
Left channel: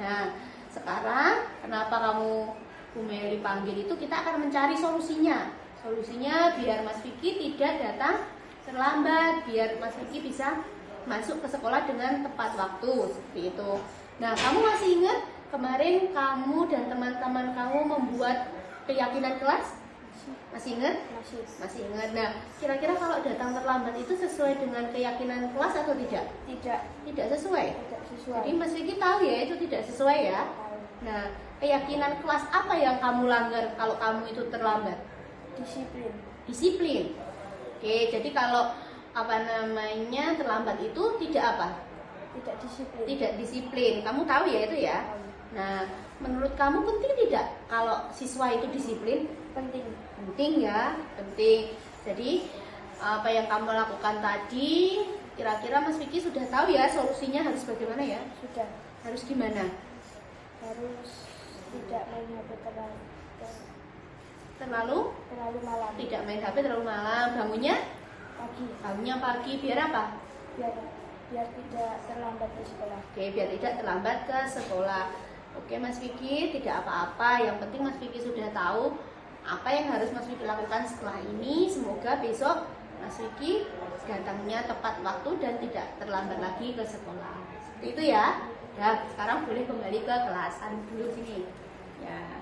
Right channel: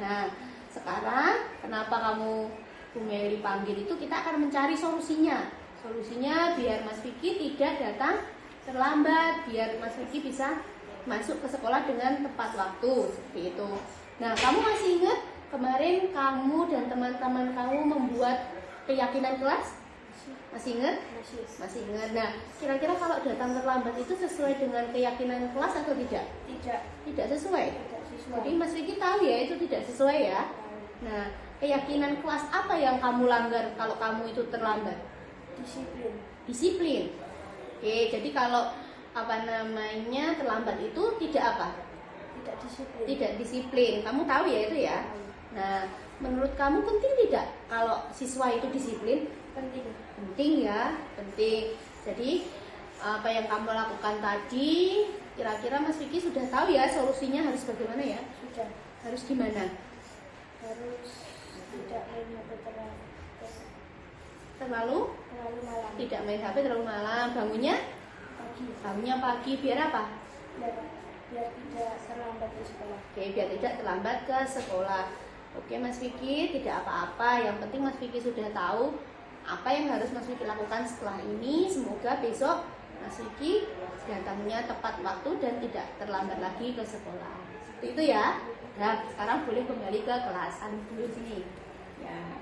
Nah, sekarang kenapa kamu Bu Meli panggil itu, kita akan mencari solusinya. Solusinya biar Mas Vicky tidak datang terlambat, biar Mas Vicky bisa masuk ke sekolah dengan tepat waktu, seperti itu. Nah, kamu masih ingat kemarin kamu dan teman-teman kamu membuat keyakinan kelas? Masih ingat? Masih ingat. Nah, kira-kira kalau datang terlambat itu sesuai dengan keyakinan kelas atau tidak? Tidak sesuai. Jadi Mas Vicky tahu ya itu tidak sesuai ya. Nah, keyakinan kelas apa yang kamu langgar kalau kamu itu terlambat? Disiplin. Oke, jadi kalau terlambat itu tidak apa? Tidak disiplin. Kamu tahu ya itu ya? Nah, menurut kamu penting tidak kalau siswa itu disiplin? Penting ya, penting. Jadi apa yang kamu lakukan tadi, kira-kira Mas Vicky sudah tahu ya solusinya harus bagaimana ya? Sudah. Harus gimana? Harus tidak main HP Terlalu malam. Tidak main HP terlalu malam. Bangunnya pagi. Biar apa? Biar tidak terlambat ke sekolah. Oke, biar tidak terlambat ke sekolah. Oke, Mas Vicky, tidak apa-apa. Yang penting Mas Vicky sudah tahu apa yang harus Mas Vicky lakukan setelah ini. Semoga besok Mas Vicky datangnya tepat waktu dan tidak terlambat lagi ke sekolah. Seperti itu ya. Nah, sekarang boleh kembali ke kelas. Dulu sini. Ya.